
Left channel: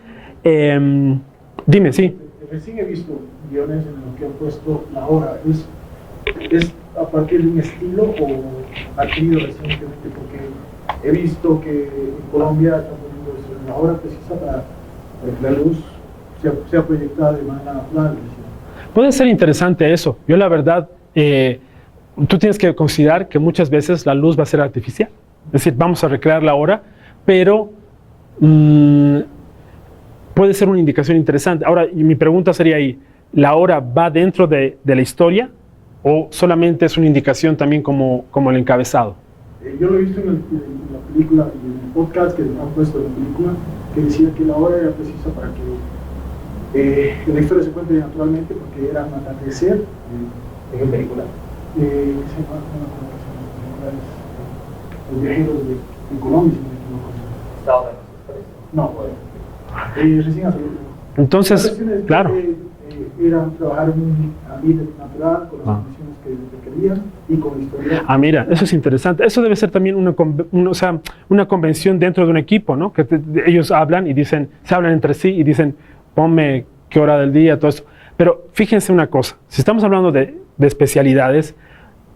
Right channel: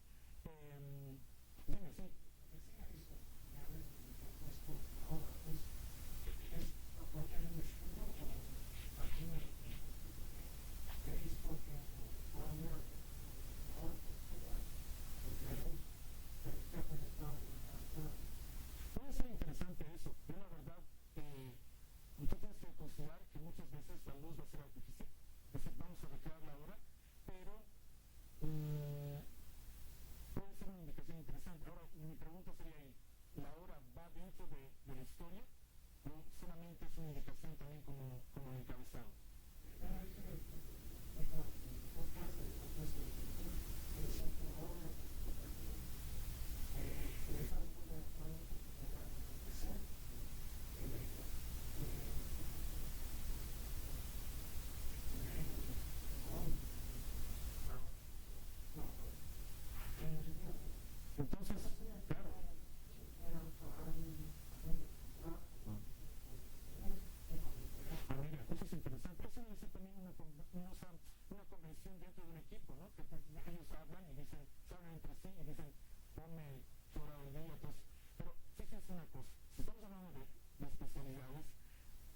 dime, sí. Recién he visto guiones en los que han puesto la hora. ¿Es a partir de un estilo o adquirido recientemente? Porque he visto que en Colombia están poniendo eso, la hora precisa para que la luz sea proyectada de manera natural. Puede ser interesante eso. Yo la verdad, tú tienes que considerar que muchas veces la luz va a ser artificial. Es decir, vamos a recrear la hora, pero puede ser una indicación interesante. Ahora, mi pregunta sería ahí, ¿la hora va dentro de la historia o solamente es una indicación también como el encabezado? Yo lo he visto en la película y en el podcast que han puesto en la película, que decía que la hora era precisa para que la historia se cuente naturalmente, porque era un atardecer. ¿En qué película? Los viajeros de Colombia, si no me equivoco. No, recién hace. Entonces, claro. Era trabajar en un ambiente natural, con las condiciones que querían y con la historia. Mira, eso es interesante. Eso debe ser también una convención dentro de un equipo, ¿no? Que ellos hablan y dicen, se hablan entre sí y dicen, ponme qué hora del día, todo eso. Pero fíjense una cosa, si estamos hablando de especialidades,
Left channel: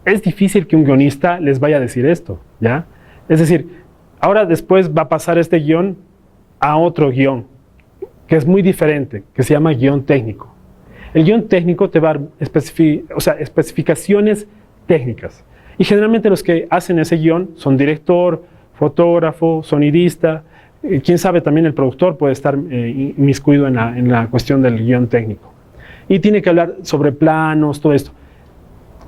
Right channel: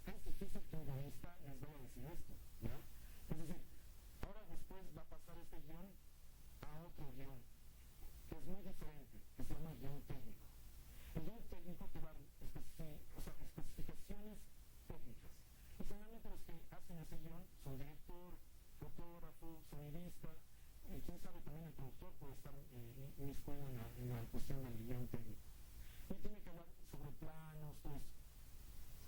es difícil que un guionista les vaya a decir esto, ¿ya? Es decir, ahora después va a pasar este guión a otro guión, que es muy diferente, que se llama guión técnico. El guión técnico te va a dar especificaciones técnicas. Y generalmente los que hacen ese guión son director, fotógrafo, sonidista. Quién sabe, también el productor puede estar inmiscuido en la cuestión del guión técnico. Y tiene que hablar sobre planos, todo esto.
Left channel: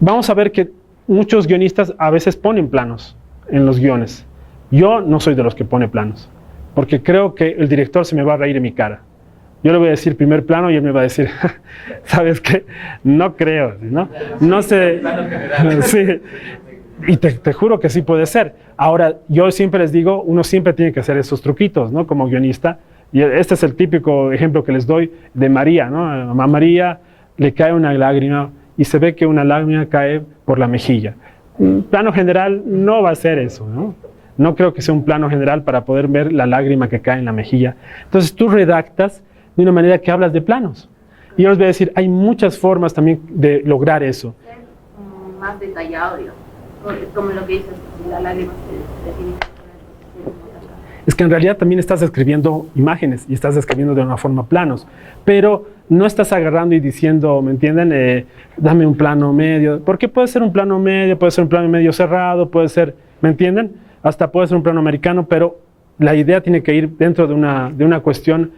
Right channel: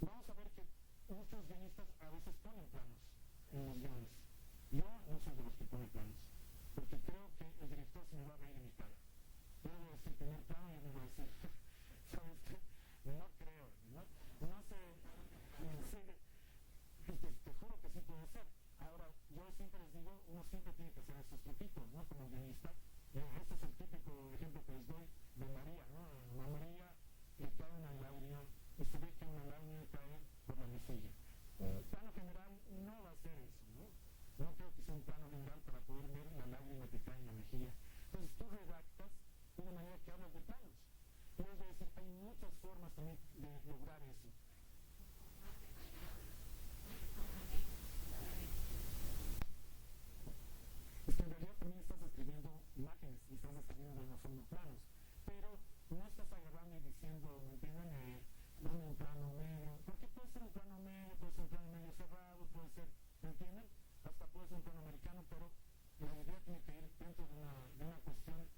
vamos a ver que muchos guionistas a veces ponen planos en los guiones. Yo no soy de los que pone planos, porque creo que el director se me va a reír en mi cara. Yo le voy a decir primer plano y él me va a decir, ¿sabes qué? No creo, ¿no? No sé. Sí. Y te juro que sí puede ser. Ahora, yo siempre les digo, uno siempre tiene que hacer esos truquitos, ¿no? Como guionista. Y este es el típico ejemplo que les doy de María, ¿no? A María le cae una lágrima y se ve que una lágrima cae por la mejilla. Un plano general no va a ser eso, ¿no? No creo que sea un plano general para poder ver la lágrima que cae en la mejilla. Entonces tú redactas de una manera que hablas de planos. Y yo les voy a decir, hay muchas formas también de lograr eso. Ser más detallado, digamos, como lo que dices, la lágrima se tiene que poner. Es que en realidad también estás escribiendo imágenes y estás escribiendo de una forma planos, pero no estás agarrando y diciendo, ¿me entienden? Dame un plano medio, porque puede ser un plano medio, puede ser un plano medio cerrado, puede ser, ¿me entienden? Hasta puede ser un plano americano, pero la idea tiene que ir dentro de una cuestión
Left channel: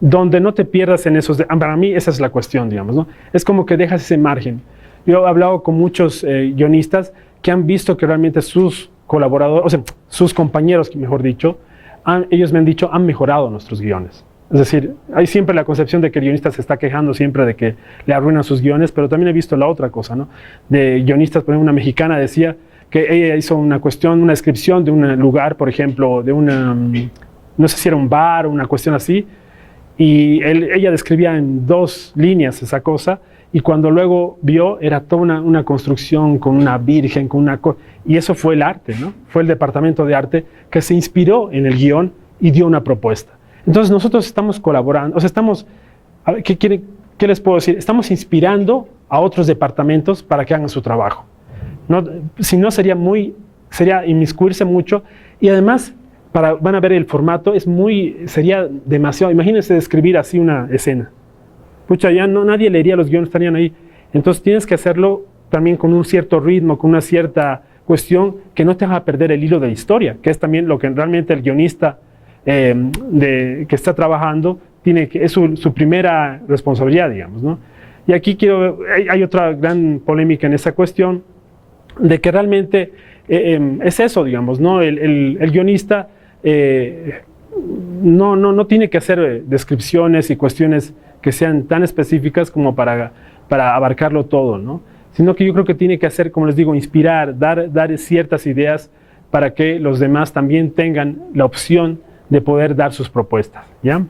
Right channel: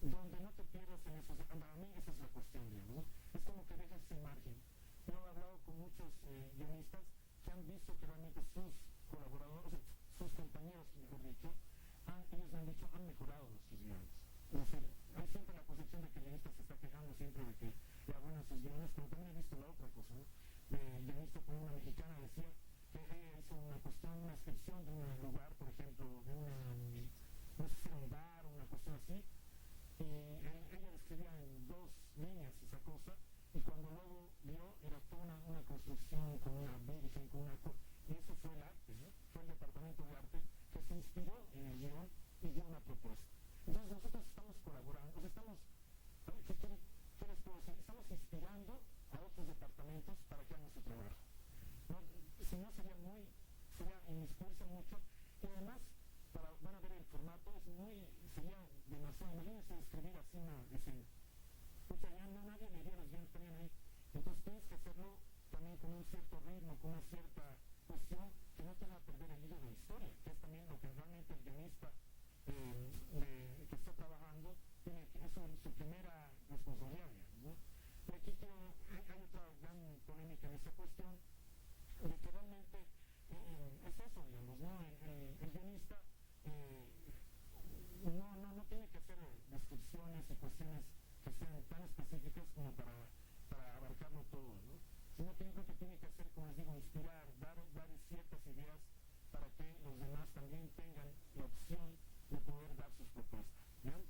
donde no te pierdas en esos... Para mí esa es la cuestión, digamos, ¿no? Es como que dejas ese margen. Yo he hablado con muchos guionistas que han visto que realmente sus colaboradores, o sea, sus compañeros, mejor dicho, ellos me han dicho, han mejorado nuestros guiones. Es decir, hay siempre la concepción de que el guionista se está quejando siempre de que le arruinan sus guiones, pero también he visto la otra cosa, ¿no? De guionistas, por ejemplo, una mexicana decía que ella hizo una descripción de un lugar, por ejemplo, de no sé si era un bar o una cuestión así, y ella describía en 2 líneas esa cosa, y cuando luego vio, era toda una construcción con una virgen, y eso fue el arte, ¿no? Fue el departamento de arte que se inspiró en el guión y dio una propuesta. Entonces nosotros estamos colaborando, o sea, a ver, ¿qué les puedo decir? Estamos inspirando a otros departamentos para que hagan su trabajo. No, si no sería inmiscuirse mucho, y además, van a ver el formato, sería demasiado. Imagínense describir así una escena. Pucha, ya nadie leería los guiones, estarían ahí. Entonces tienes que hacerlo también con un cierto ritmo, con una cierta cuestión que no te haga perder el hilo de la historia, que es también lo que realmente el guionista que está trabajando es su primera responsabilidad, digamos, ¿no? Y aquí hay otra gran polémica en esa cuestión, de que realmente es eso, digamos, ¿no? El guionista no tiene que hacer descripciones y cuestiones que sean tan específicas como para abarcarlo todo, ¿no? Sino que yo creo que tiene que hacer, como les digo, inspirar, dar ciertas ideas para que los demás también tengan la opción de poder dar sus propuestas, ¿ya?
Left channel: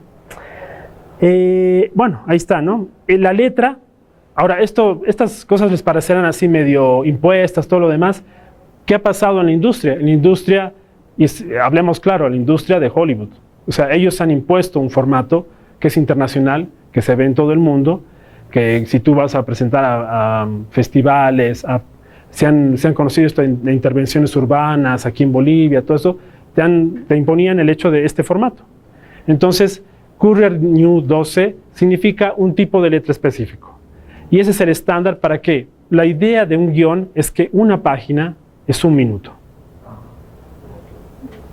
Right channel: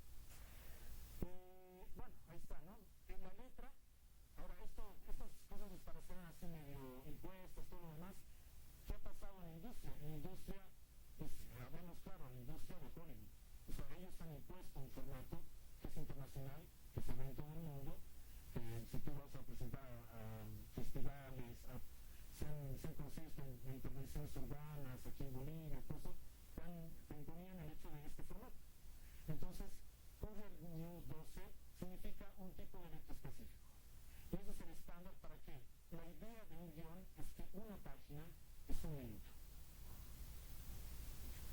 Bueno, ahí está, ¿no? La letra, ahora estas cosas les parecerán así medio impuestas, todo lo demás. ¿Qué ha pasado en la industria? En la industria, hablemos claro, la industria de Hollywood. O sea, ellos han impuesto un formato que es internacional, que se ve en todo el mundo, que si tú vas a presentar a festivales, se han conocido esto de intervenciones urbanas aquí en Bolivia, todo eso, te imponían el hecho de este formato. Entonces, Courier New 12 significa un tipo de letra específico. Y ese es el estándar para que la idea de un guión es que una página es 1 minuto.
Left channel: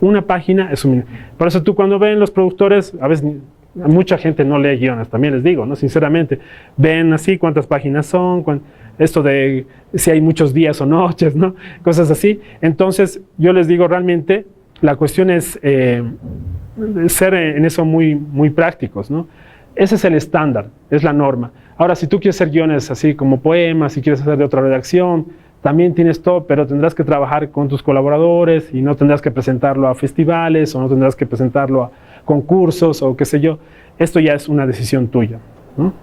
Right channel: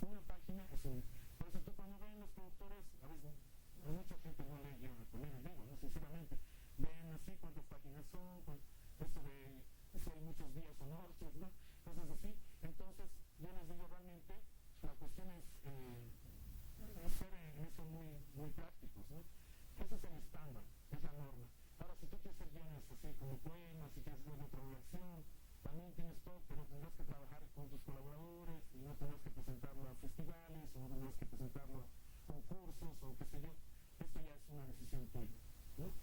Una página es 1 minuto. Por eso tú cuando ven los productores, a veces mucha gente no lee guiones, también les digo, ¿no? Sinceramente, ven así cuántas páginas son, esto de si hay muchos días o noches, ¿no? Cosas así. Entonces, yo les digo realmente, la cuestión es ser en eso muy, muy prácticos, ¿no? Ese es el estándar, es la norma. Ahora, si tú quieres hacer guiones así como poemas, si quieres hacer de otra redacción, también tienes todo, pero tendrás que trabajar con tus colaboradores y no tendrás que presentarlo a festivales o no tendrás que presentarlo a concursos o qué sé yo. Esto ya es una decisión tuya, ¿no?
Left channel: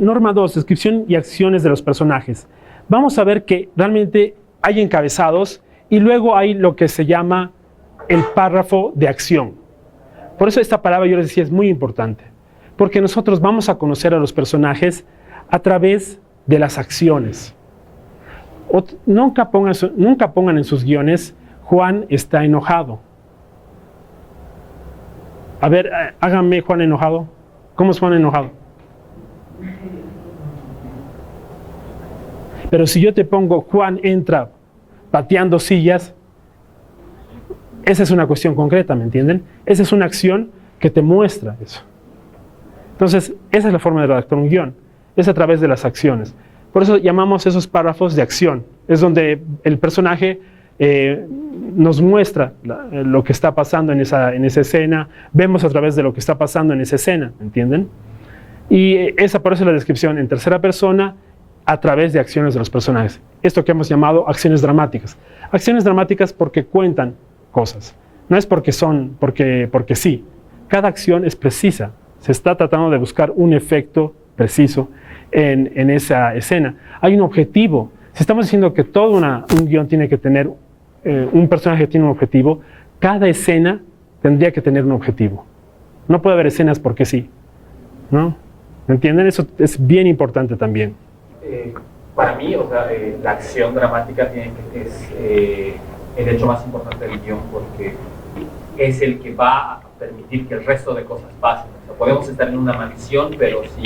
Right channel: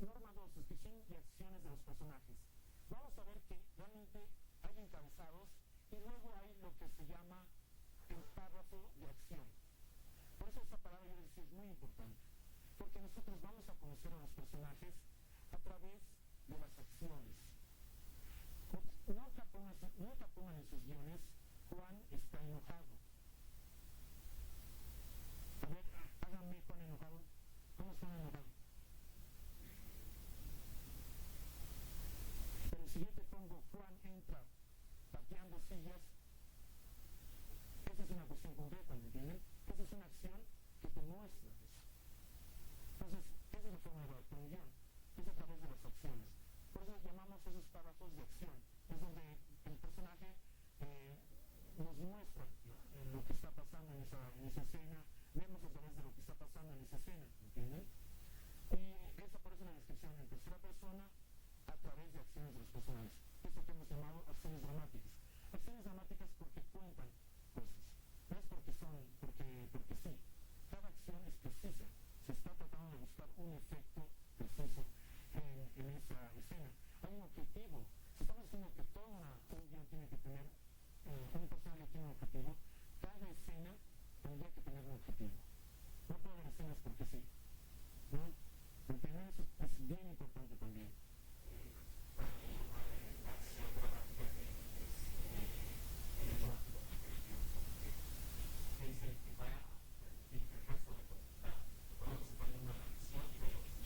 Norma 2, descripción y acciones de los personajes. Vamos a ver que realmente hay encabezados y luego hay lo que se llama el párrafo de acción. Por eso esta palabra, yo les decía, es muy importante, porque nosotros vamos a conocer a los personajes a través de las acciones. Nunca pongan en sus guiones, Juan está enojado. A ver, háganme Juan enojado. ¿Cómo es Juan enojado? Pero si yo te pongo Juan entra pateando sillas, esa es una cuestión concreta, ¿me entienden? Esa es una acción que te muestra eso. Entonces, esa es la forma de redactar un guión. es a través de las acciones. Por eso llamamos esos párrafos de acción. Es donde el personaje nos muestra lo que está pasando en esa escena, vemos a través de lo que está pasando en esa escena, ¿entienden? Y por eso la descripción en tercera persona a través de acciones de los personajes. Esto que hemos llamado acciones dramáticas. Acciones dramáticas porque cuentan cosas. No es porque sí. Cada acción es precisa. Se está tratando de buscar un efecto preciso en esa escena. Hay un objetivo. Si estamos diciendo que todo un guión tiene que tener, un personaje tiene un objetivo, cada escena tendría que tener un objetivo. No puede haber escenas porque sí, ¿no? ¿Me entienden? Eso es bien importante también. Para mí, o sea, la acción dramática es el hecho más importante del guión porque es el que va a permitir que el resto de cosas pasen. O sea, podemos estar en una mansión, pero si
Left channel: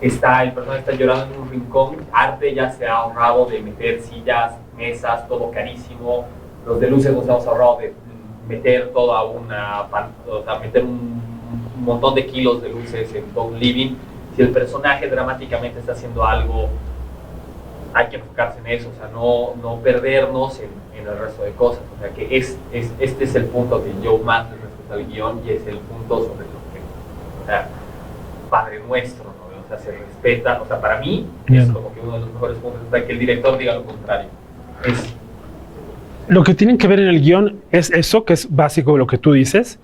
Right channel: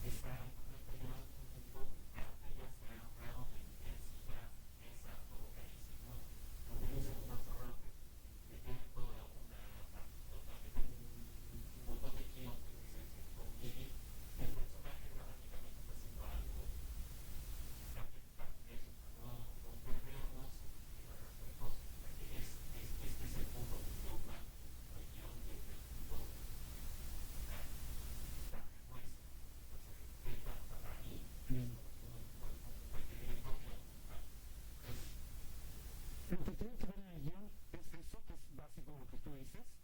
el personaje está llorando en un rincón, Arte ya se ha ahorrado de meter sillas, mesas, todo carísimo. Los de luces nos hemos ahorrado de meter toda meter un montón de kilos de luces en todo un living. Si el personaje dramáticamente está haciendo algo, hay que enfocarse en eso, o sea, no perdernos en el resto de cosas. O sea, que este es el punto que yo más le respeto al guión y es el punto sobre lo que, o sea, Padre Nuestro, ¿no? O sea, se respeta, o sea, para mí es como que uno de los mejores puntos, o sea, que el director diga lo contrario. Lo que tienen que ver en el guión es eso, que es básico lo que tú dices,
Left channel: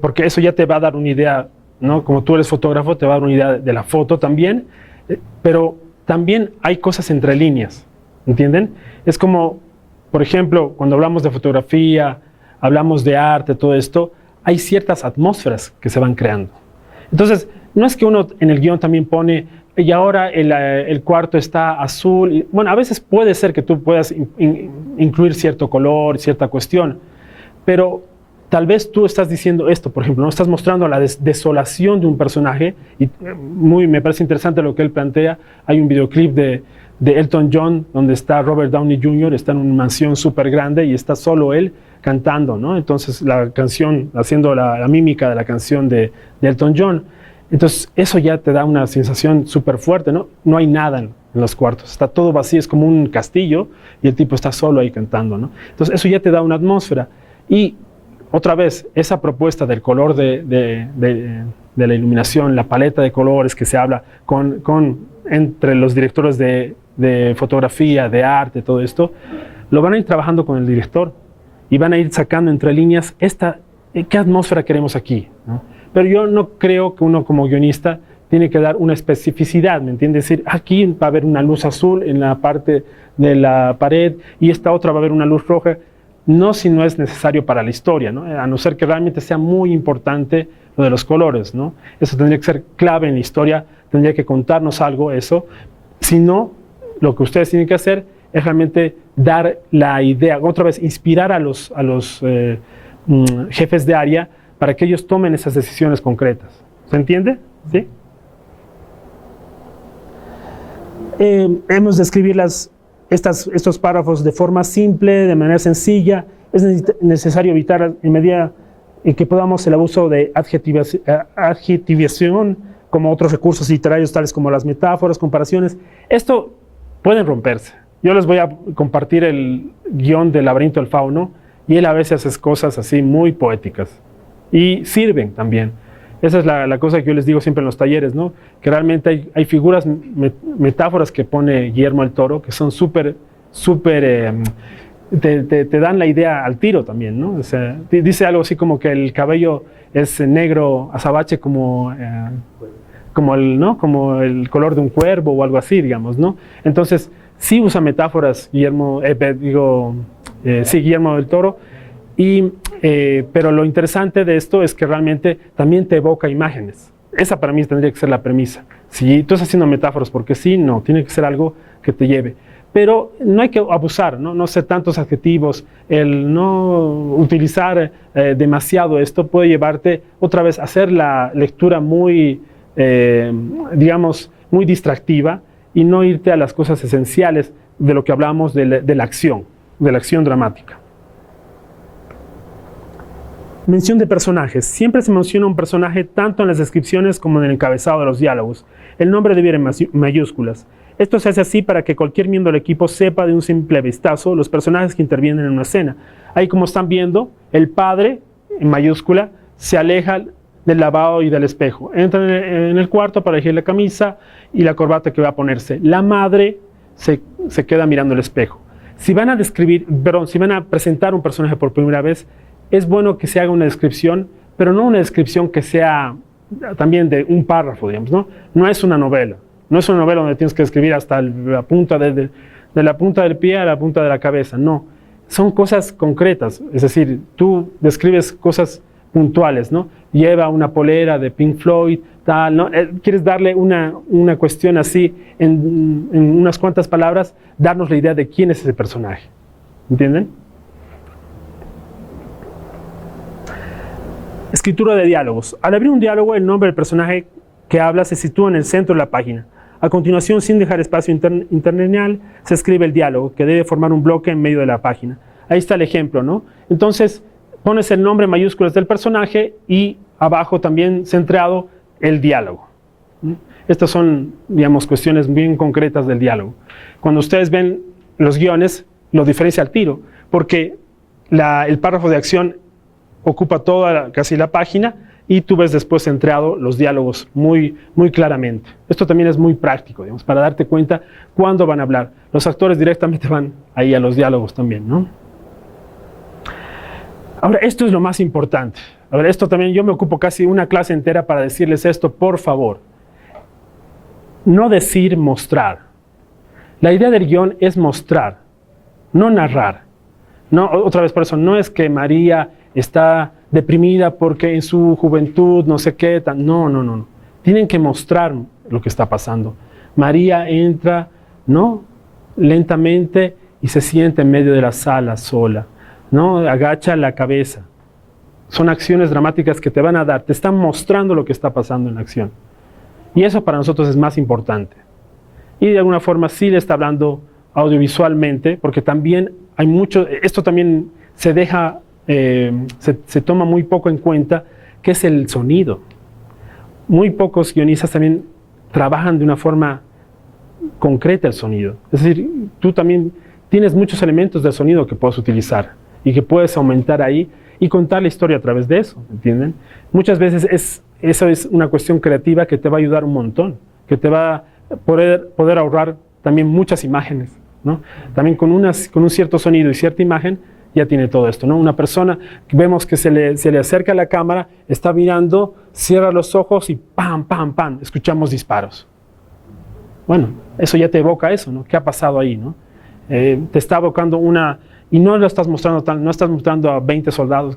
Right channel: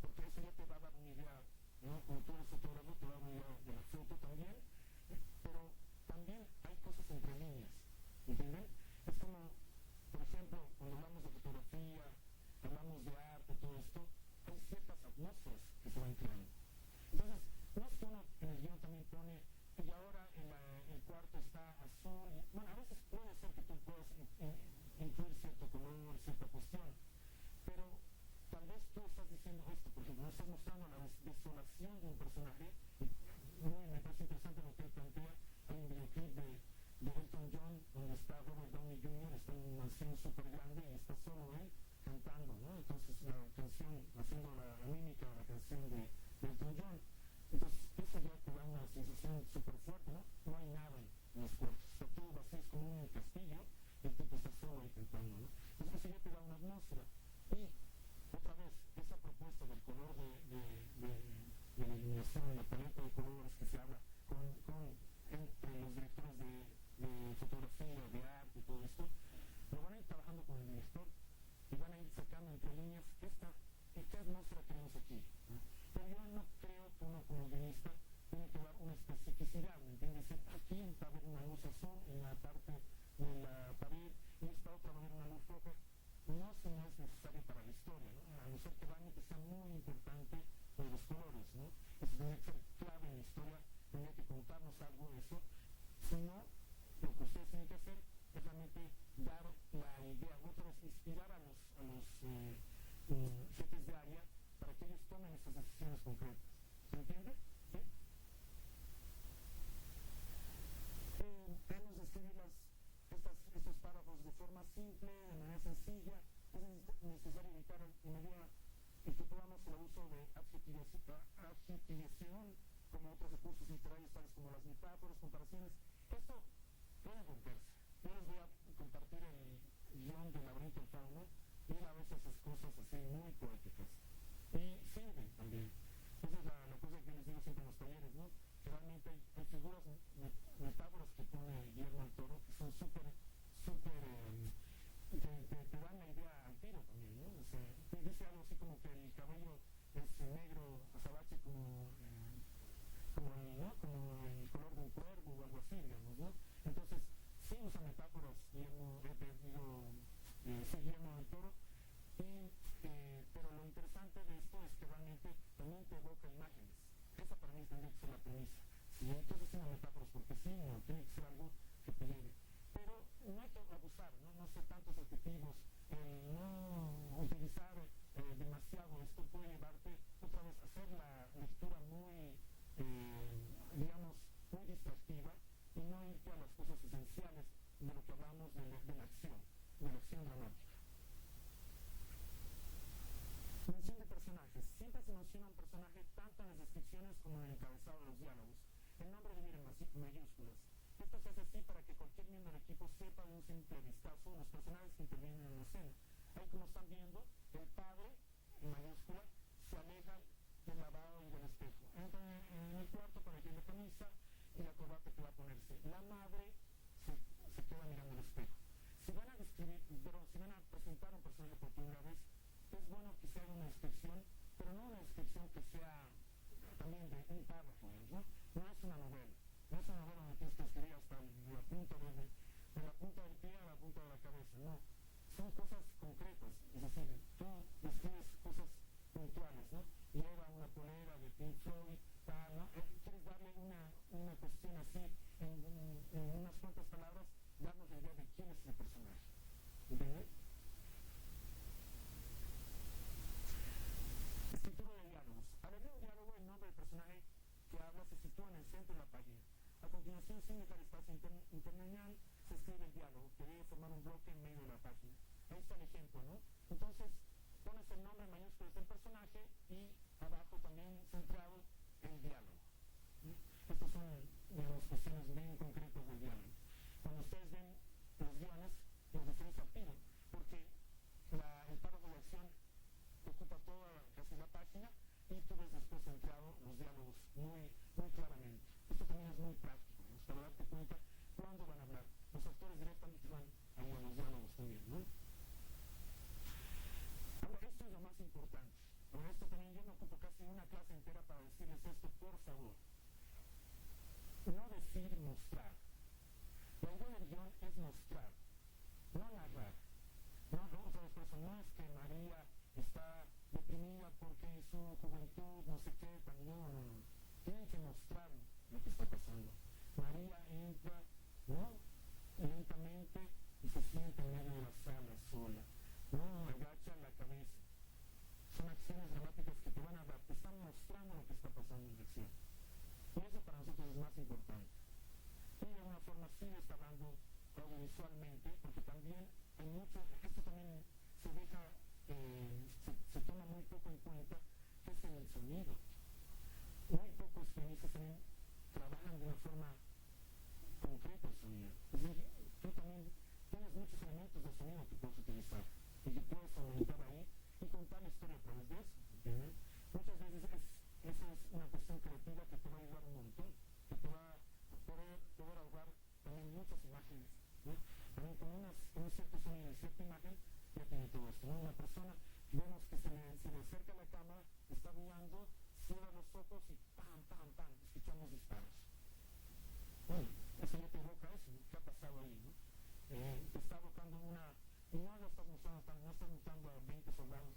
porque eso ya te va a dar una idea, ¿no? Como tú eres fotógrafo, te va a dar una idea de la foto también, pero también hay cosas entre líneas, ¿entienden? Es como, por ejemplo, cuando hablamos de fotografía, hablamos de arte, todo esto, hay ciertas atmósferas que se van creando. Entonces, no es que uno en el guión también pone, y ahora el cuarto está azul. Y, bueno, a veces puede ser que tú puedas incluir cierto color, cierta cuestión, pero tal vez tú estás diciendo esto, por ejemplo, ¿no? Estás mostrando la desolación de un personaje, y me parece interesante lo que él plantea. Hay un videoclip de Elton John, donde está Robert Downey Jr., está en una mansión súper grande y está solo él cantando, ¿no? Entonces la canción, haciendo la mímica de la canción de Elton John. Entonces eso ya te da una sensación súper fuerte, ¿no? No hay nada en los cuartos, está todo vacío, es como un castillo y el tipo está solo ahí cantando, ¿no? Entonces eso ya te da una atmósfera. Y otra vez, esa propuesta del color de la iluminación, la paleta de colores que se habla entre los directores de fotografía, de arte, todo esto, lo van a ir trabajando con el director y van a ir sacando entre líneas qué atmósfera queremos aquí, ¿no? Pero yo no creo que uno como guionista tiene que dar una especificidad, ¿me entiendes? Es decir, aquí va a haber una luz azul en la parte de la pared y esta otra va a haber una luz roja. No si no es necesario para la historia, ¿no? A no ser que realmente sea muy importante lo de los colores, ¿no? Eso tendría que ser clave en la historia, tendría que contarnos algo eso. Si no, lo que ustedes tienen que hacer es realmente dar la idea, otra vez, inspirar a los jefes de área para que ellos tomen esas decisiones concretas. ¿Se entiende? ¿Sí? Hemos de escribir estos párrafos de forma simple, de manera sencilla. Es necesario evitar en medida en que podamos el abuso de adjetivación, como otros recursos literarios tales como las metáforas, comparaciones. Esto pueden romperse. Yo les voy a compartir el guión del Laberinto del Fauno y él a veces hace cosas así muy poéticas y sirven también. Esa es la cosa que yo les digo siempre en los talleres, ¿no? Que realmente hay figuras, metáforas que pone Guillermo del Toro que son súper, te dan la idea al tiro también, ¿no? O sea, dice algo así como que el cabello es negro azabache como el color de un cuervo o algo así, digamos, ¿no? Entonces, sí usa metáforas Guillermo del Toro. Pero lo interesante de esto es que realmente también te evoca imágenes. Esa para mí tendría que ser la premisa. Si tú estás haciendo metáforas porque sí, no, tiene que ser algo que te lleve. Pero no hay que abusar, no ser tantos adjetivos. El no utilizar demasiado esto puede llevarte otra vez a hacer la lectura muy, digamos, muy distractiva y no irte a las cosas esenciales de lo que hablamos de la acción dramática. Mención de personajes. Siempre se menciona un personaje tanto en las descripciones como en el encabezado de los diálogos. el nombre debe ir en mayúsculas. Esto se hace así para que cualquier miembro del equipo sepa de un simple vistazo los personajes que intervienen en una escena. Ahí, como están viendo, el padre, en mayúscula, se aleja del lavabo y del espejo. Entra en el cuarto para elegir la camisa y la corbata que va a ponerse. La madre se queda mirando el espejo. Si van a presentar un personaje por primera vez, es bueno que se haga una descripción, pero no una descripción que sea también de un párrafo, digamos, ¿no? No es una novela. No es una novela donde tienes que escribir hasta la punta de la punta del pie a la punta de la cabeza. No. Son cosas concretas. Es decir, tú describes cosas puntuales, ¿no? Lleva una polera de Pink Floyd, tal, ¿no? Quieres darle una cuestión así en unas cuantas palabras, darnos la idea de quién es ese personaje. ¿Entienden? Escritura de diálogos. Al abrir un diálogo, el nombre del personaje que habla se sitúa en el centro de la página. A continuación, sin dejar espacio interlineal, se escribe el diálogo, que debe formar un bloque en medio de la página. Ahí está el ejemplo, ¿no? Entonces, pones el nombre en mayúsculas del personaje y abajo también centrado el diálogo. Estas son, digamos, cuestiones bien concretas del diálogo. Cuando ustedes ven los guiones, lo diferencia al tiro, porque el párrafo de acción ocupa casi la página, y tú ves después centrado los diálogos muy, muy claramente. Esto también es muy práctico, digamos, para darte cuenta cuándo van a hablar. Los actores directamente van ahí a los diálogos también, ¿no? Ahora, esto es lo más importante. Ahora, esto también yo me ocupo casi una clase entera para decirles esto, por favor. No decir, mostrar. La idea del guión es mostrar, no narrar. No, otra vez por eso, no es que María está deprimida porque en su juventud no sé qué, no. Tienen que mostrar lo que está pasando. María entra, ¿no? Lentamente y se siente en medio de la sala sola, ¿no? Agacha la cabeza. Son acciones dramáticas que te van a dar, te están mostrando lo que está pasando en la acción. Y eso para nosotros es más importante. Y de alguna forma sí le está hablando audiovisualmente, porque también hay mucho, esto también se deja, se toma muy poco en cuenta, que es el sonido. Muy pocos guionistas también trabajan de una forma concreta el sonido. Es decir, tú también tienes muchos elementos del sonido que puedes utilizar y que puedes aumentar ahí y contar la historia a través de eso, ¿entienden? Muchas veces eso es una cuestión creativa que te va a ayudar un montón, que te va a poder ahorrar también muchas imágenes, ¿no? También con un cierto sonido y cierta imagen ya tiene todo esto, ¿no? Una persona, vemos que se le acerca a la cámara, está mirando, cierra los ojos y ¡pam, pam, pam! Escuchamos disparos. Bueno, eso ya te evoca eso, ¿no? ¿Qué ha pasado ahí, no? Te está evocando y no lo estás mostrando no estás mostrando a 20 soldados,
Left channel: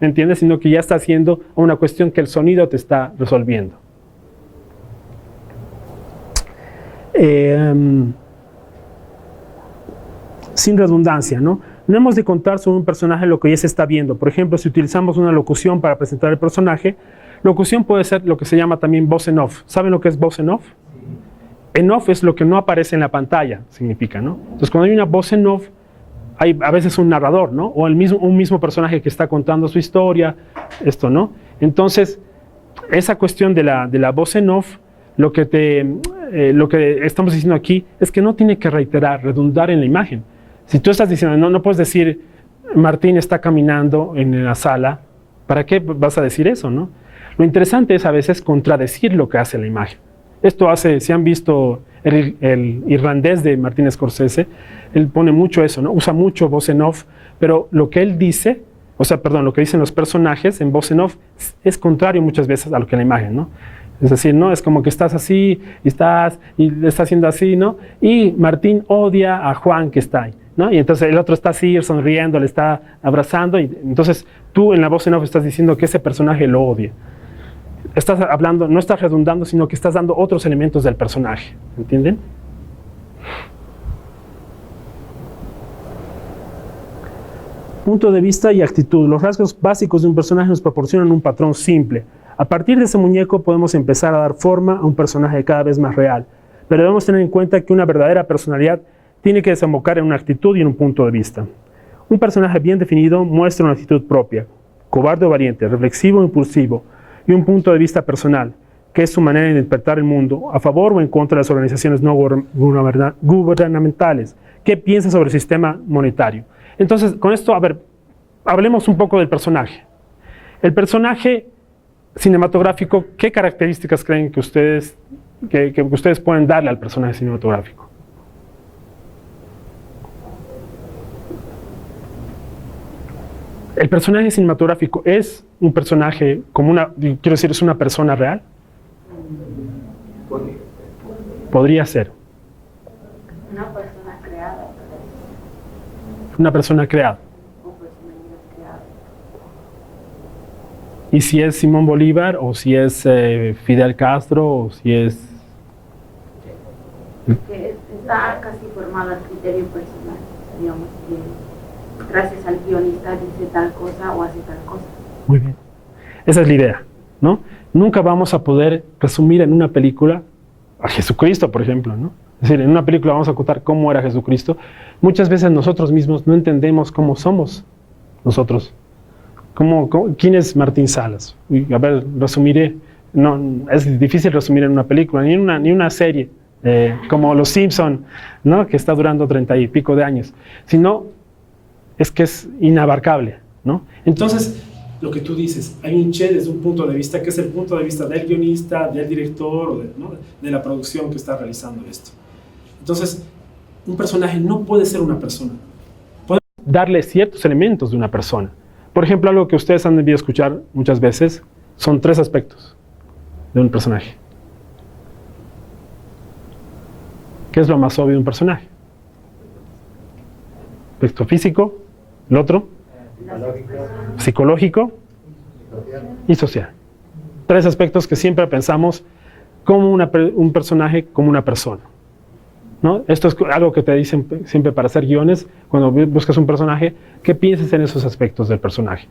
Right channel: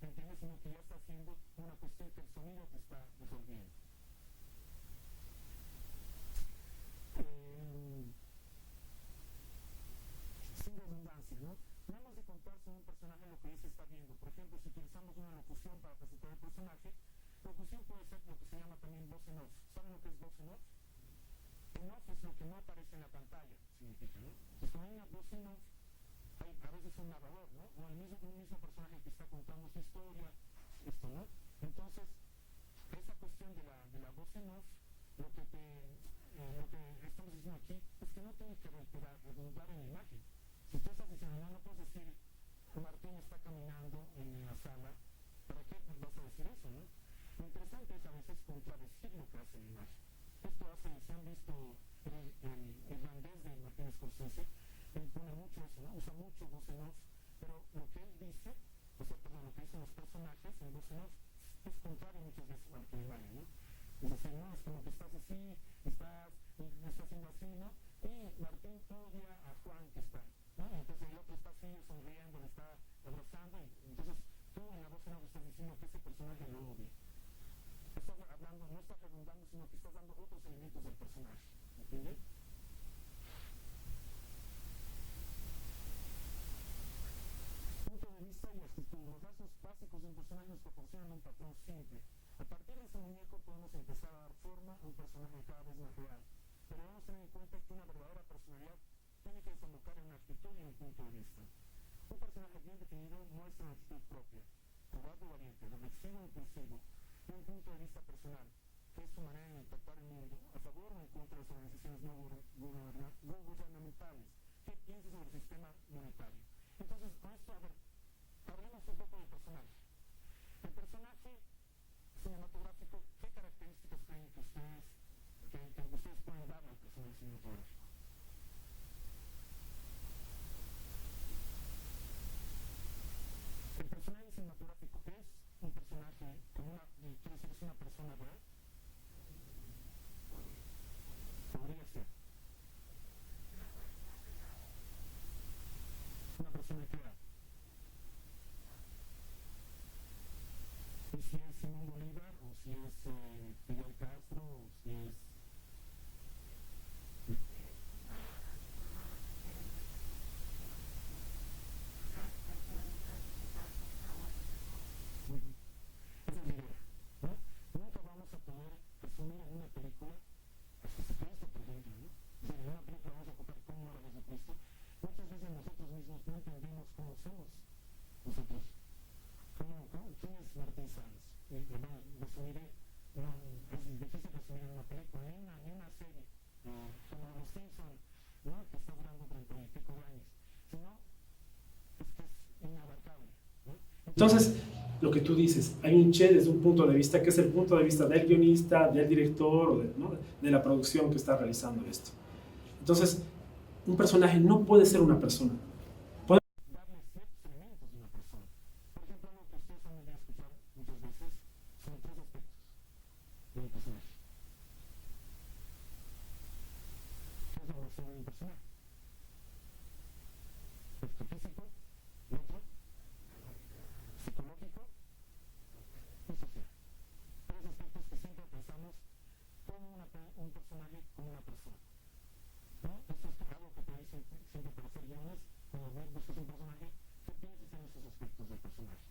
¿me entiendes? Sino que ya está haciendo una cuestión que el sonido te está resolviendo. Sin redundancia, ¿no? No hemos de contar sobre un personaje lo que ya se está viendo. Por ejemplo, si utilizamos una locución para presentar el personaje, locución puede ser lo que se llama también voz en off. ¿Saben lo que es voz en off? En off es lo que no aparece en la pantalla, significa, ¿no? Entonces, cuando hay una voz en off, hay a veces un narrador, ¿no? O un mismo personaje que está contando su historia, esto, ¿no? Entonces, esa cuestión de la voz en off, lo que estamos diciendo aquí es que no tiene que redundar en la imagen. Si tú estás diciendo, no puedes decir, Martín está caminando en la sala, ¿para qué vas a decir eso, no? Lo interesante es a veces contradecir lo que hace la imagen. Esto hace, si han visto el irlandés de Martin Scorsese, él pone mucho eso, ¿no? Usa mucho voz en off, pero lo que él dice, lo que dicen los personajes en voz en off es contrario muchas veces a lo que la imagen, ¿no? Es decir, ¿no? Es como que estás así y le está haciendo así, ¿no? Y Martín odia a Juan que está ahí, ¿no? Y entonces el otro está así, sonriendo, le está abrazando, y entonces tú en la voz en off estás diciendo que ese personaje lo odia. Estás hablando, no estás redundando, sino que estás dando otros elementos del personaje, ¿entienden? Punto de vista y actitud. Los rasgos básicos de un personaje nos proporcionan un patrón simple. A partir de ese muñeco podemos empezar a dar forma a un personaje cada vez más real, pero debemos tener en cuenta que una verdadera personalidad tiene que desembocar en una actitud y en un punto de vista. Un personaje bien definido muestra una actitud propia, cobarde o valiente, reflexivo o impulsivo, y un punto de vista personal, que es su manera de interpretar el mundo, a favor o en contra de las organizaciones no gubernamentales. ¿Qué piensa sobre el sistema monetario? Entonces, con esto, a ver, hablemos un poco del personaje. El personaje cinematográfico, ¿qué características creen que ustedes pueden darle al personaje cinematográfico? ¿El personaje cinematográfico es un personaje como quiero decir, es una persona real? Podría ser. Una persona creada. Una persona creada. O personalidad creada. ¿Y si es Simón Bolívar, o si es Fidel Castro, o si es...? Que está casi formado al criterio personal, digamos, que gracias al guionista dice tal cosa o hace tal cosa. Muy bien. Esa es la idea, ¿no? Nunca vamos a poder resumir en una película a Jesucristo, por ejemplo, ¿no? Es decir, en una película vamos a contar cómo era Jesucristo. Muchas veces nosotros mismos no entendemos cómo somos nosotros. ¿Quién es Martín Salas? A ver, resumiré. No, es difícil resumir en una película, ni una serie, como Los Simpson, ¿no? Que está durando 30 y pico de años. Sino, es que es inabarcable, ¿no? Entonces, lo que tú dices, hay un Che desde un punto de vista que es el punto de vista del guionista, del director o de la producción que está realizando esto. Entonces, un personaje no puede ser una persona. Podemos darle ciertos elementos de una persona. Por ejemplo, algo que ustedes han debido escuchar muchas veces son 3 aspectos de un personaje. ¿Qué es lo más obvio de un personaje? Aspecto físico, el otro, psicológico y social. 3 aspectos que siempre pensamos como un personaje, como una persona, ¿no? Esto es algo que te dicen siempre para hacer guiones. Cuando buscas un personaje, ¿qué piensas en esos aspectos del personaje?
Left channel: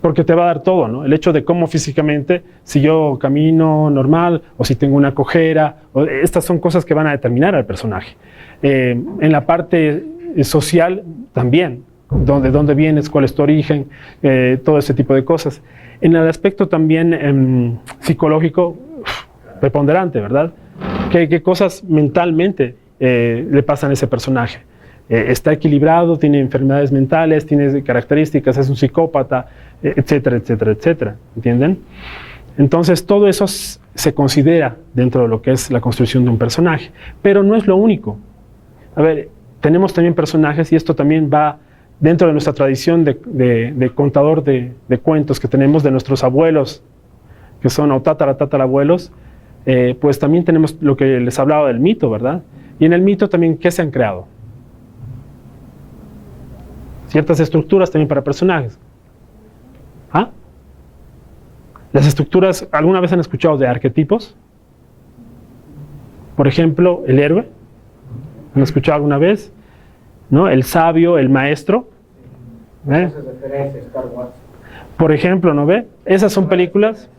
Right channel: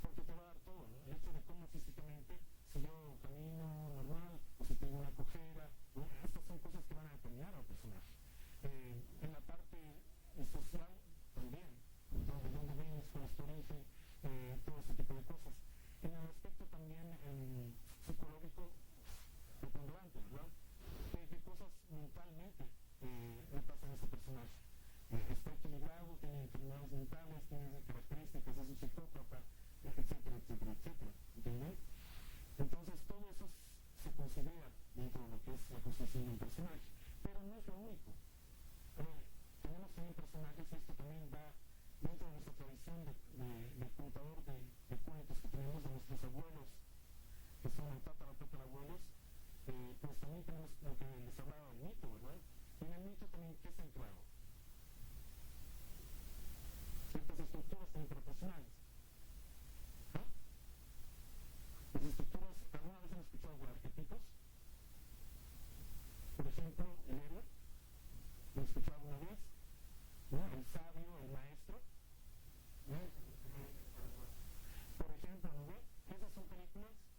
Porque te va a dar todo, ¿no? El hecho de cómo físicamente, si yo camino normal o si tengo una cojera, estas son cosas que van a determinar al personaje. En la parte social también, de dónde vienes, cuál es tu origen, todo ese tipo de cosas. En el aspecto también psicológico, preponderante, ¿verdad? ¿Qué cosas mentalmente le pasan a ese personaje? Está equilibrado, tiene enfermedades mentales, tiene características, es un psicópata, etcétera, etcétera, etcétera. ¿Entienden? Entonces, todo eso se considera dentro de lo que es la construcción de un personaje. Pero no es lo único. A ver, tenemos también personajes, y esto también va dentro de nuestra tradición de contador de cuentos que tenemos de nuestros abuelos, que son o tatarabuelos, pues también tenemos lo que les hablaba del mito, ¿verdad? Y en el mito también, ¿qué se han creado? Ciertas estructuras también para personajes. ¿Ah? Las estructuras, ¿alguna vez han escuchado de arquetipos? Por ejemplo, el héroe. ¿Han escuchado alguna vez? ¿No? El sabio, el maestro. Por ejemplo, ¿no ve? Esas son películas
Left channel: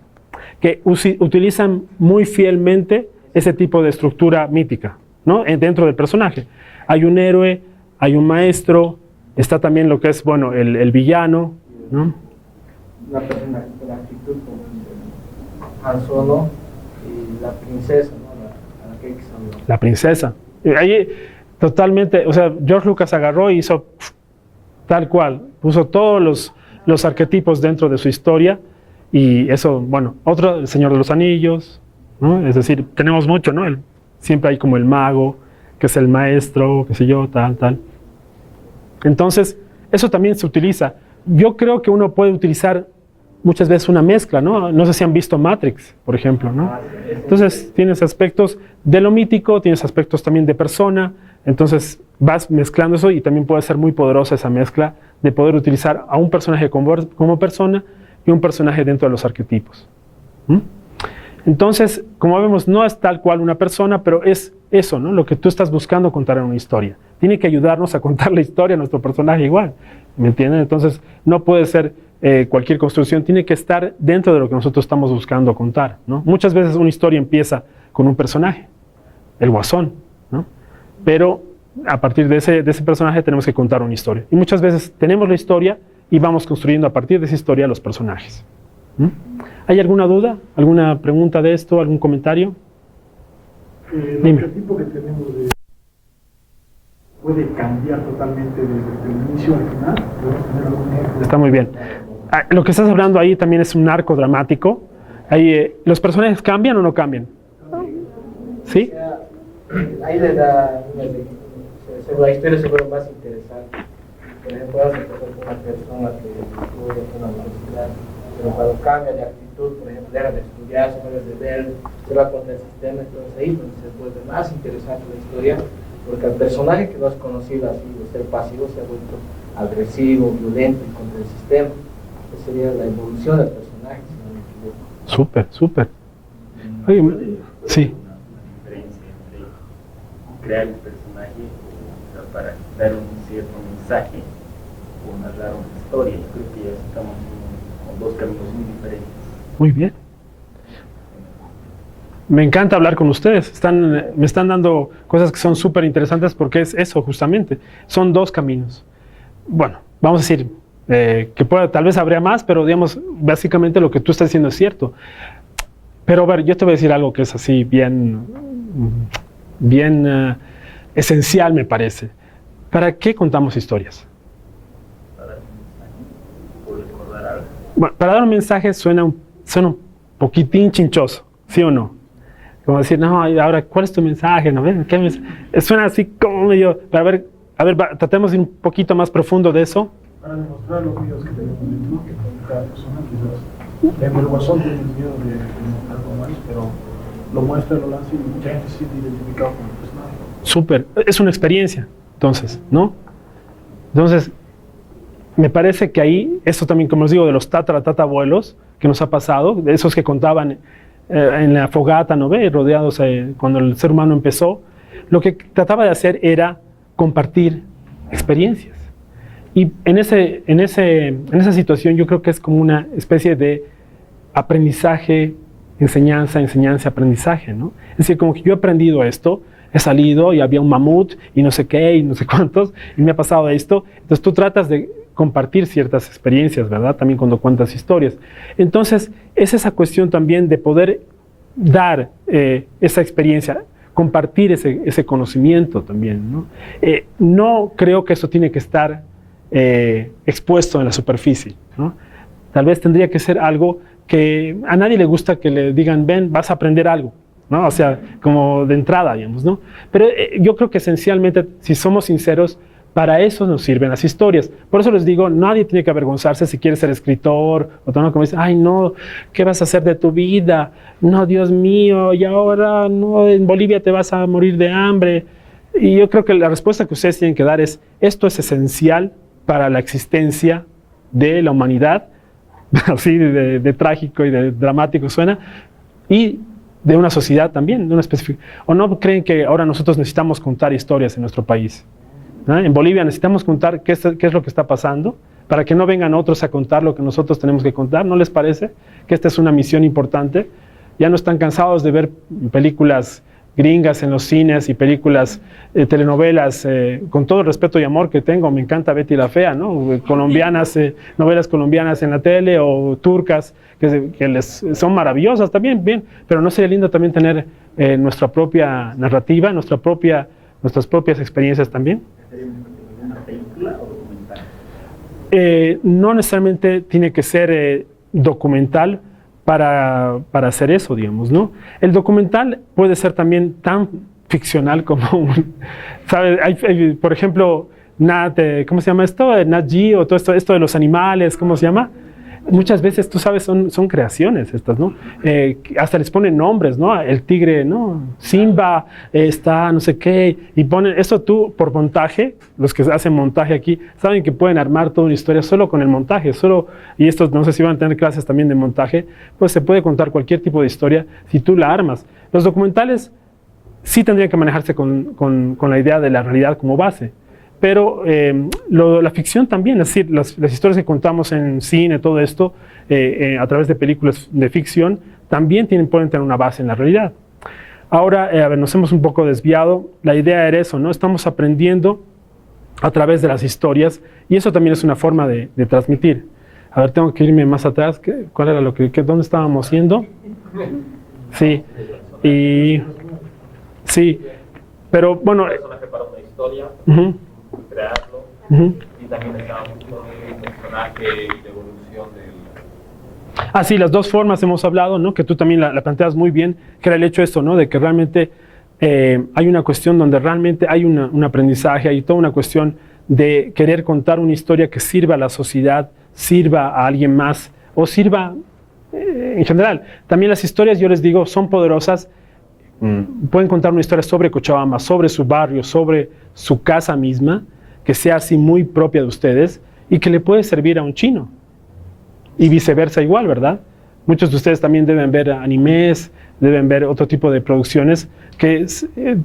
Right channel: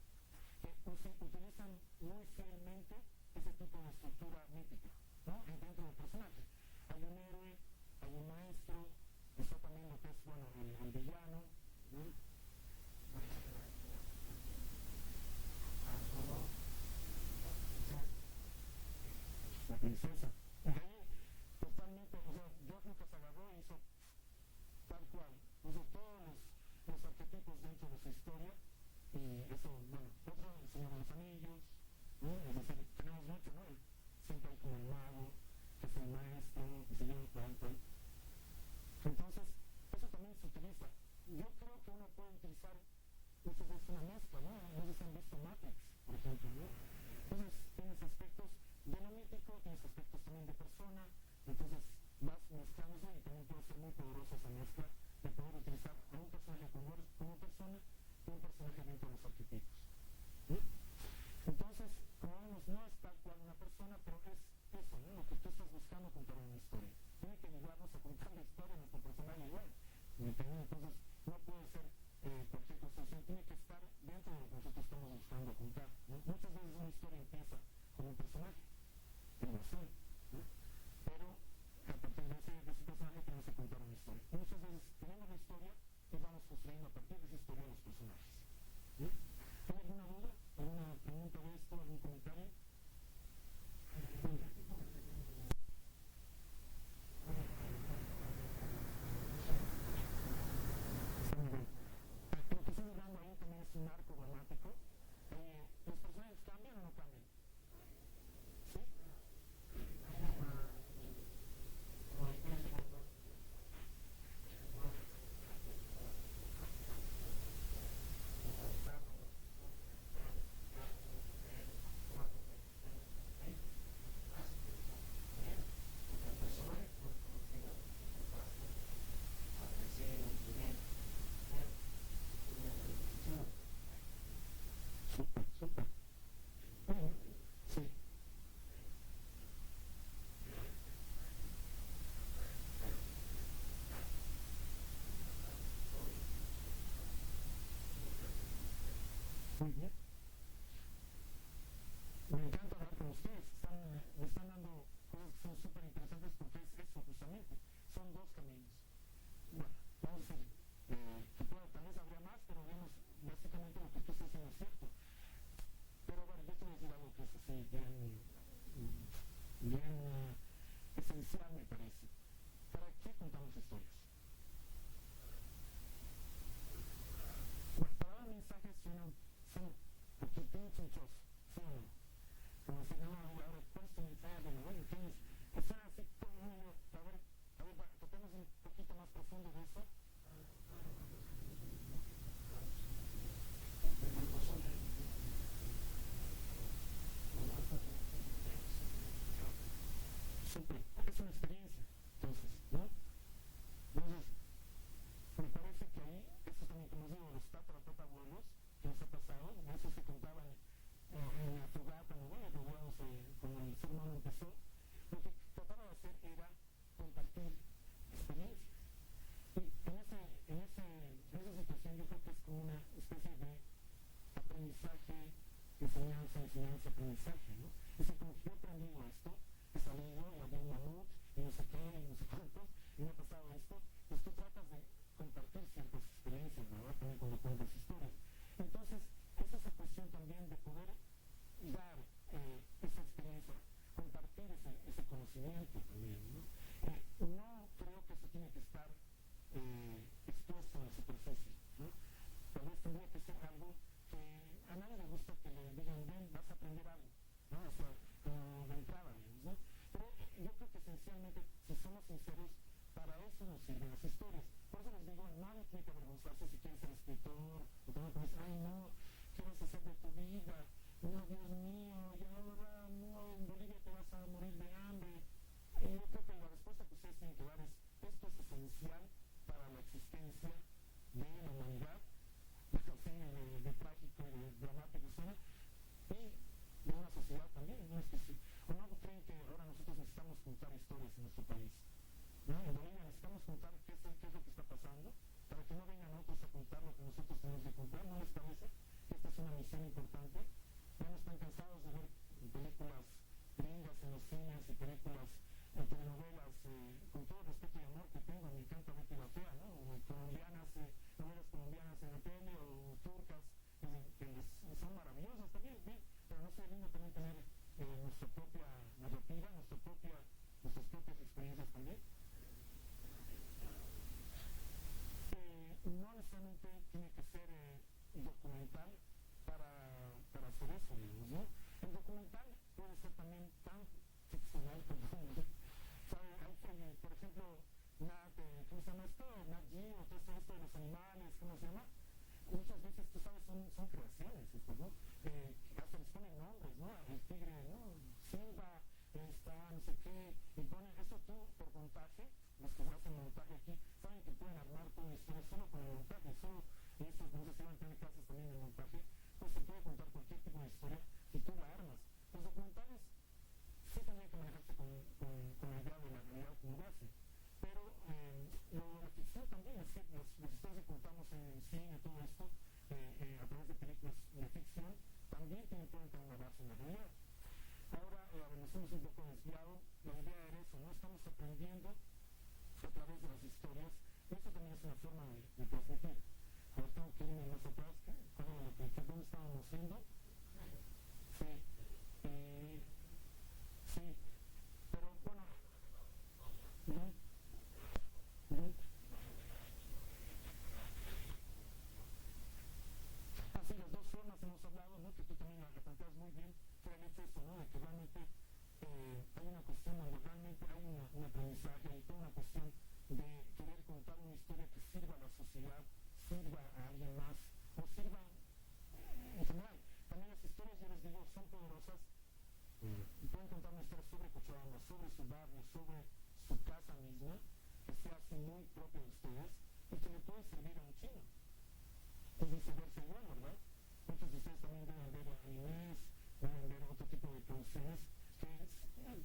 que utilizan muy fielmente ese tipo de estructura mítica, ¿no? Dentro del personaje. Hay un héroe, hay un maestro, está también lo que es, bueno, el villano, ¿no? La persona, la actitud como Han Solo y la princesa, ¿no? La princesa. Ahí totalmente, o sea, George Lucas agarró y hizo tal cual, puso todos los arquetipos dentro de su historia, y eso, bueno, otro, el Señor de los Anillos, ¿no? Es decir, tenemos mucho, ¿no? Siempre hay como el mago, que es el maestro, qué sé yo, tal. Entonces, eso también se utiliza. Yo creo que uno puede utilizar muchas veces una mezcla, ¿no? No sé si han visto Matrix, por ejemplo, ¿no? Entonces, tienes aspectos de lo mítico, tienes aspectos también de persona, entonces vas mezclando eso, y también puede ser muy poderosa esa mezcla de poder utilizar a un personaje como persona y un personaje dentro de los arquetipos. Entonces, como vemos, no es tal cual una persona, pero es eso, ¿no? Lo que tú estás buscando contar en una historia. Tiene que ayudarnos a contar la historia a nuestro personaje igual, ¿me entienden? Entonces, no puede ser cualquier construcción, tiene que estar dentro de lo que nosotros estamos buscando contar, ¿no? Muchas veces una historia empieza con un personaje, el Guasón, ¿no? Pero a partir de ese personaje tenemos que contar una historia. Y muchas veces tenemos la historia y vamos construyendo a partir de esa historia los personajes. ¿Mm? ¿Hay alguna duda? ¿Alguna pregunta de esto? ¿Algún comentario? El Dime. arquetipo que tenemos puede cambiar totalmente desde el inicio al final. ¿Podemos tener algún ejemplo? Está muy bien. Lo que estás hablando ahí también es un arco dramático. Ahí, ¿los personajes cambian o no cambian? ¿Sí? Ahí le da la historia se vuelve más interesante. Por ejemplo, vas a empezar con una persona que estudia en una universidad, pero cuando cambia de actitud, por ejemplo, deja de estudiar, se vuelve de ver, se va contra el sistema, entonces ahí es donde se vuelve más interesante la historia, porque el personaje que no has conocido así, de ser pasivo, se ha vuelto agresivo, violento y contra el sistema. Esa sería la evolución del personaje, si no me equivoco. Súper, súper. Oye, sí. Una diferencia entre crear un personaje, o sea, para dar un cierto mensaje o narrar una historia. Yo creo que ya estamos con dos caminos muy diferentes. Muy bien. Me encanta hablar con ustedes. Me están dando cosas que son súper interesantes porque es eso justamente. Son dos caminos. Bueno, vamos a decir tal vez habría más, pero digamos, básicamente lo que tú estás diciendo es cierto. Pero a ver, yo te voy a decir algo que es así bien esencial, me parece. ¿Para qué contamos historias? Para dar un mensaje o recordar algo. Bueno, para dar un mensaje suena un poquitín chinchoso, ¿sí o no? Como decir, no, ahora, ¿cuál es tu mensaje? ¿No ves? Suena así como medio... A ver, tratemos de ir un poquito más profundo de eso. Para demostrar los miedos que tenemos dentro, que con cada persona quizás. El Guasón tiene miedo de mostrar algo más, pero lo muestra, lo lanza y mucha gente se siente identificado con el personaje. Súper, es una experiencia, entonces, ¿no? Entonces, me parece que ahí, eso también, como les digo, de los tatarabuelos que nos ha pasado, de esos que contaban en la fogata, ¿no ve? Rodeados cuando el ser humano empezó, lo que trataba de hacer era compartir experiencias. Y en esa situación yo creo que es como una especie de aprendizaje, enseñanza, aprendizaje, ¿no? Es decir, como que yo he aprendido esto, he salido y había un mamut y no sé qué y no sé cuántos y me ha pasado esto. Entonces tú tratas de compartir ciertas experiencias, ¿verdad? También cuando cuentas historias. Entonces es esa cuestión también de poder dar esa experiencia, compartir ese conocimiento también, ¿no? No creo que eso tiene que estar expuesto en la superficie, ¿no? Tal vez tendría que ser algo que a nadie le gusta que le digan, ven, vas a aprender algo, ¿no? O sea, como de entrada, digamos, ¿no? Pero yo creo que esencialmente, si somos sinceros, para eso nos sirven las historias. Por eso les digo, nadie tiene que avergonzarse si quiere ser escritor, o todo, como dicen, ay, no, ¿qué vas a hacer de tu vida? No, Dios mío, y ahora, no, en Bolivia te vas a morir de hambre. Y yo creo que la respuesta que ustedes tienen que dar es, esto es esencial para la existencia de la humanidad, así de trágico y de dramático suena, y de una sociedad también, de una específica. ¿O no creen que ahora nosotros necesitamos contar historias en nuestro país? ¿No? En Bolivia necesitamos contar qué es lo que está pasando, para que no vengan otros a contar lo que nosotros tenemos que contar. ¿No les parece que esta es una misión importante? Ya no están cansados de ver películas gringas en los cines y películas, telenovelas, con todo el respeto y amor que tengo, me encanta Betty la Fea, ¿no? Colombianas, novelas colombianas en la tele o turcas, que son maravillosas también, bien, pero ¿no sería lindo también tener nuestra propia narrativa, nuestras propias experiencias también? ¿Una película o documental? No necesariamente tiene que ser documental para hacer eso, digamos, ¿no? El documental puede ser también tan ficcional como ¿sabes? Hay, por ejemplo, ¿cómo se llama esto? Nat Geo, o todo esto de los animales, ¿cómo se llama? Muchas veces, tú sabes, son creaciones estas, ¿no? Hasta les ponen nombres, ¿no? El tigre, ¿no? Simba, está no sé qué, y ponen, eso tú, por montaje, los que hacen montaje aquí, saben que pueden armar toda una historia solo con el montaje, y estos, no sé si van a tener clases también de montaje, pues se puede contar cualquier tipo de historia si tú la armas. Los documentales sí tendrían que manejarse con la idea de la realidad como base. Pero la ficción también, es decir, las historias que contamos en cine, todo esto, a través de películas de ficción, también pueden tener una base en la realidad. Ahora, a ver, nos hemos un poco desviado. La idea era eso, ¿no? Estamos aprendiendo a través de las historias y eso también es una forma de transmitir. A ver, tengo que irme más atrás. ¿Cuál era dónde estábamos yendo? Sí, sí, pero bueno. Un personaje para una historia, crearlo, y también estábamos con un personaje y la evolución del... Sí, las dos formas hemos hablado, ¿no? Que tú también la planteas muy bien, que era el hecho esto, ¿no? De que realmente hay una cuestión donde realmente hay un aprendizaje, hay toda una cuestión de querer contar una historia que sirva a la sociedad, sirva a alguien más, o sirva en general. También las historias, yo les digo, son poderosas. Pueden contar una historia sobre Cochabamba, sobre su barrio, sobre su casa misma, que sea así muy propia de ustedes y que le puede servir a un chino. Y viceversa igual, ¿verdad? Muchos de ustedes también deben ver animes, deben ver otro tipo de producciones que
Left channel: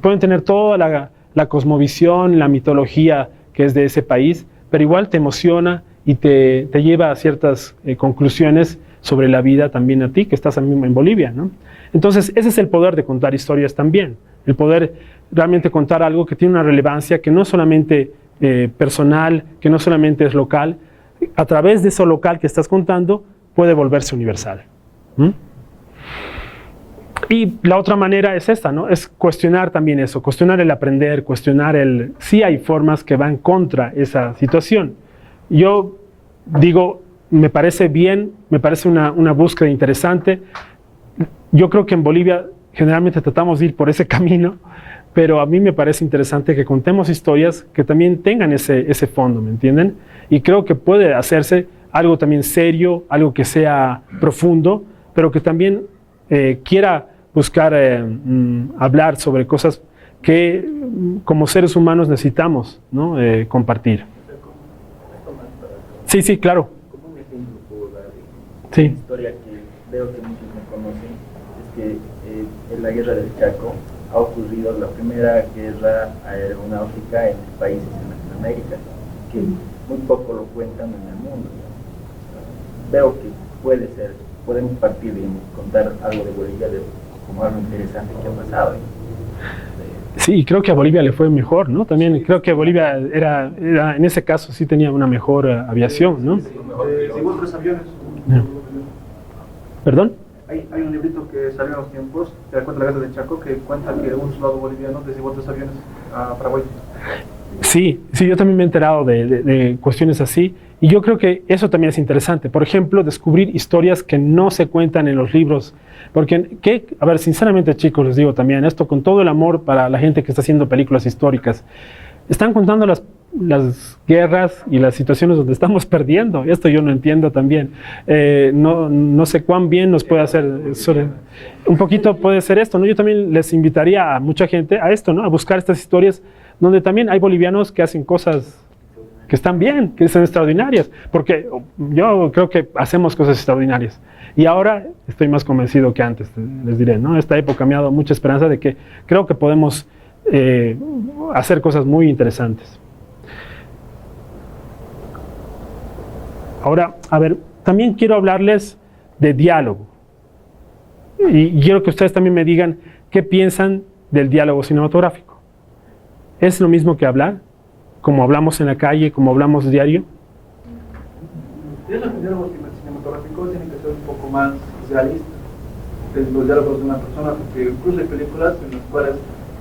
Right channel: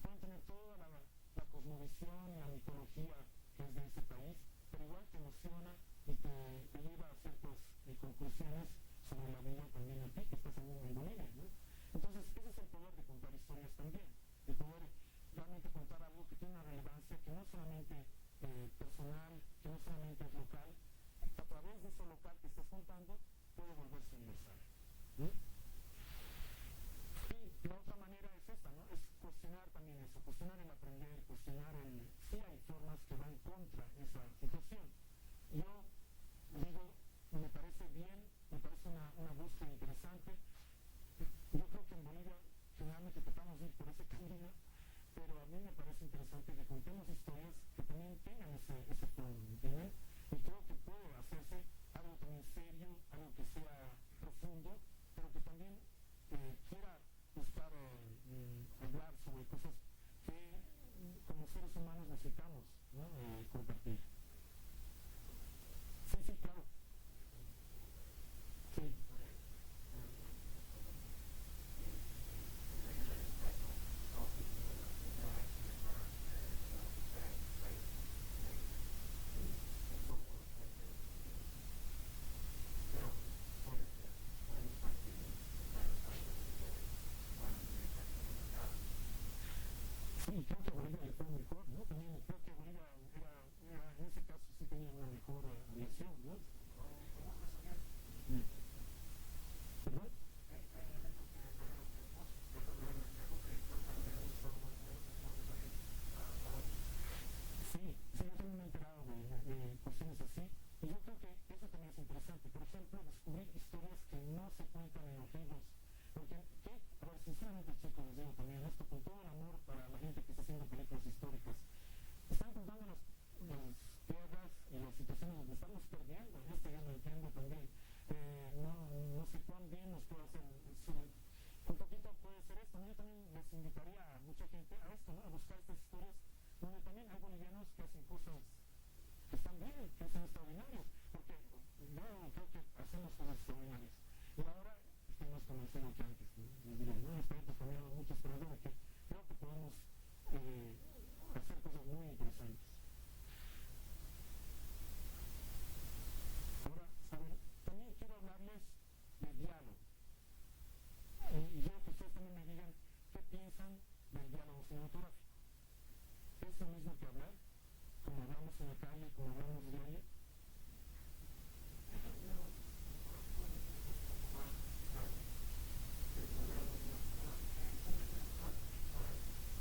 pueden tener toda la cosmovisión, la mitología que es de ese país, pero igual te emociona y te lleva a ciertas conclusiones sobre la vida también a ti, que estás en Bolivia, ¿no? Entonces, ese es el poder de contar historias también, el poder realmente contar algo que tiene una relevancia, que no es solamente personal, que no solamente es local, a través de eso local que estás contando, puede volverse universal. Y la otra manera es esta, ¿no? Es cuestionar también eso, cuestionar el aprender, cuestionar sí hay formas que van contra esa situación. Yo digo, me parece bien, me parece una búsqueda interesante. Yo creo que en Bolivia generalmente tratamos de ir por ese camino, pero a mí me parece interesante que contemos historias que también tengan ese fondo, ¿me entienden? Y creo que puede hacerse algo también serio, algo que sea profundo, pero que también quiera buscar hablar sobre cosas que como seres humanos necesitamos, ¿no? Compartir. Sí, sí, claro. Como un ejemplo puedo dar Sí. una historia que veo que muchos no conocen, es que en la guerra del Chaco ha ocurrido la primera guerra aeronáutica en países de Latinoamérica, que muy poco lo cuentan en el mundo. Veo que podemos partir de contar algo de Bolivia como algo interesante que ha pasado. Sí, creo que a Bolivia le fue mejor, ¿no? También creo que Bolivia era en ese caso sí tenía una mejor aviación, ¿no? Según los aviones. ¿Perdón? Hay un librito que salió en los tiempos, que cuenta la guerra del Chaco, que cuenta que un soldado boliviano desigual 3 aviones a Paraguay. Sí, yo también me he enterado de cuestiones así, y yo creo que eso también es interesante. Por ejemplo, descubrir historias que no se cuentan en los libros, porque, a ver, sinceramente, chicos, les digo también, esto con todo el amor para la gente que está haciendo películas históricas, están contando las guerras y las situaciones donde estamos perdiendo. Esto yo no entiendo también. No sé cuán bien nos puede hacer. Un poquito puede ser esto, ¿no? Yo también les invitaría a mucha gente a esto, ¿no? A buscar estas historias donde también hay bolivianos que hacen cosas que están bien, que son extraordinarias. Porque yo creo que hacemos cosas extraordinarias. Y ahora estoy más convencido que antes, les diré, ¿no? Esta época me ha dado mucha esperanza de que creo que podemos hacer cosas muy interesantes. Ahora, a ver, también quiero hablarles de diálogo. Y quiero que ustedes también me digan qué piensan del diálogo cinematográfico. ¿Es lo mismo que hablar? ¿Como hablamos en la calle, como hablamos diario? Yo creo que el diálogo cinematográfico tiene que ser un poco más realista que los diálogos de una persona, porque incluso hay películas en las cuales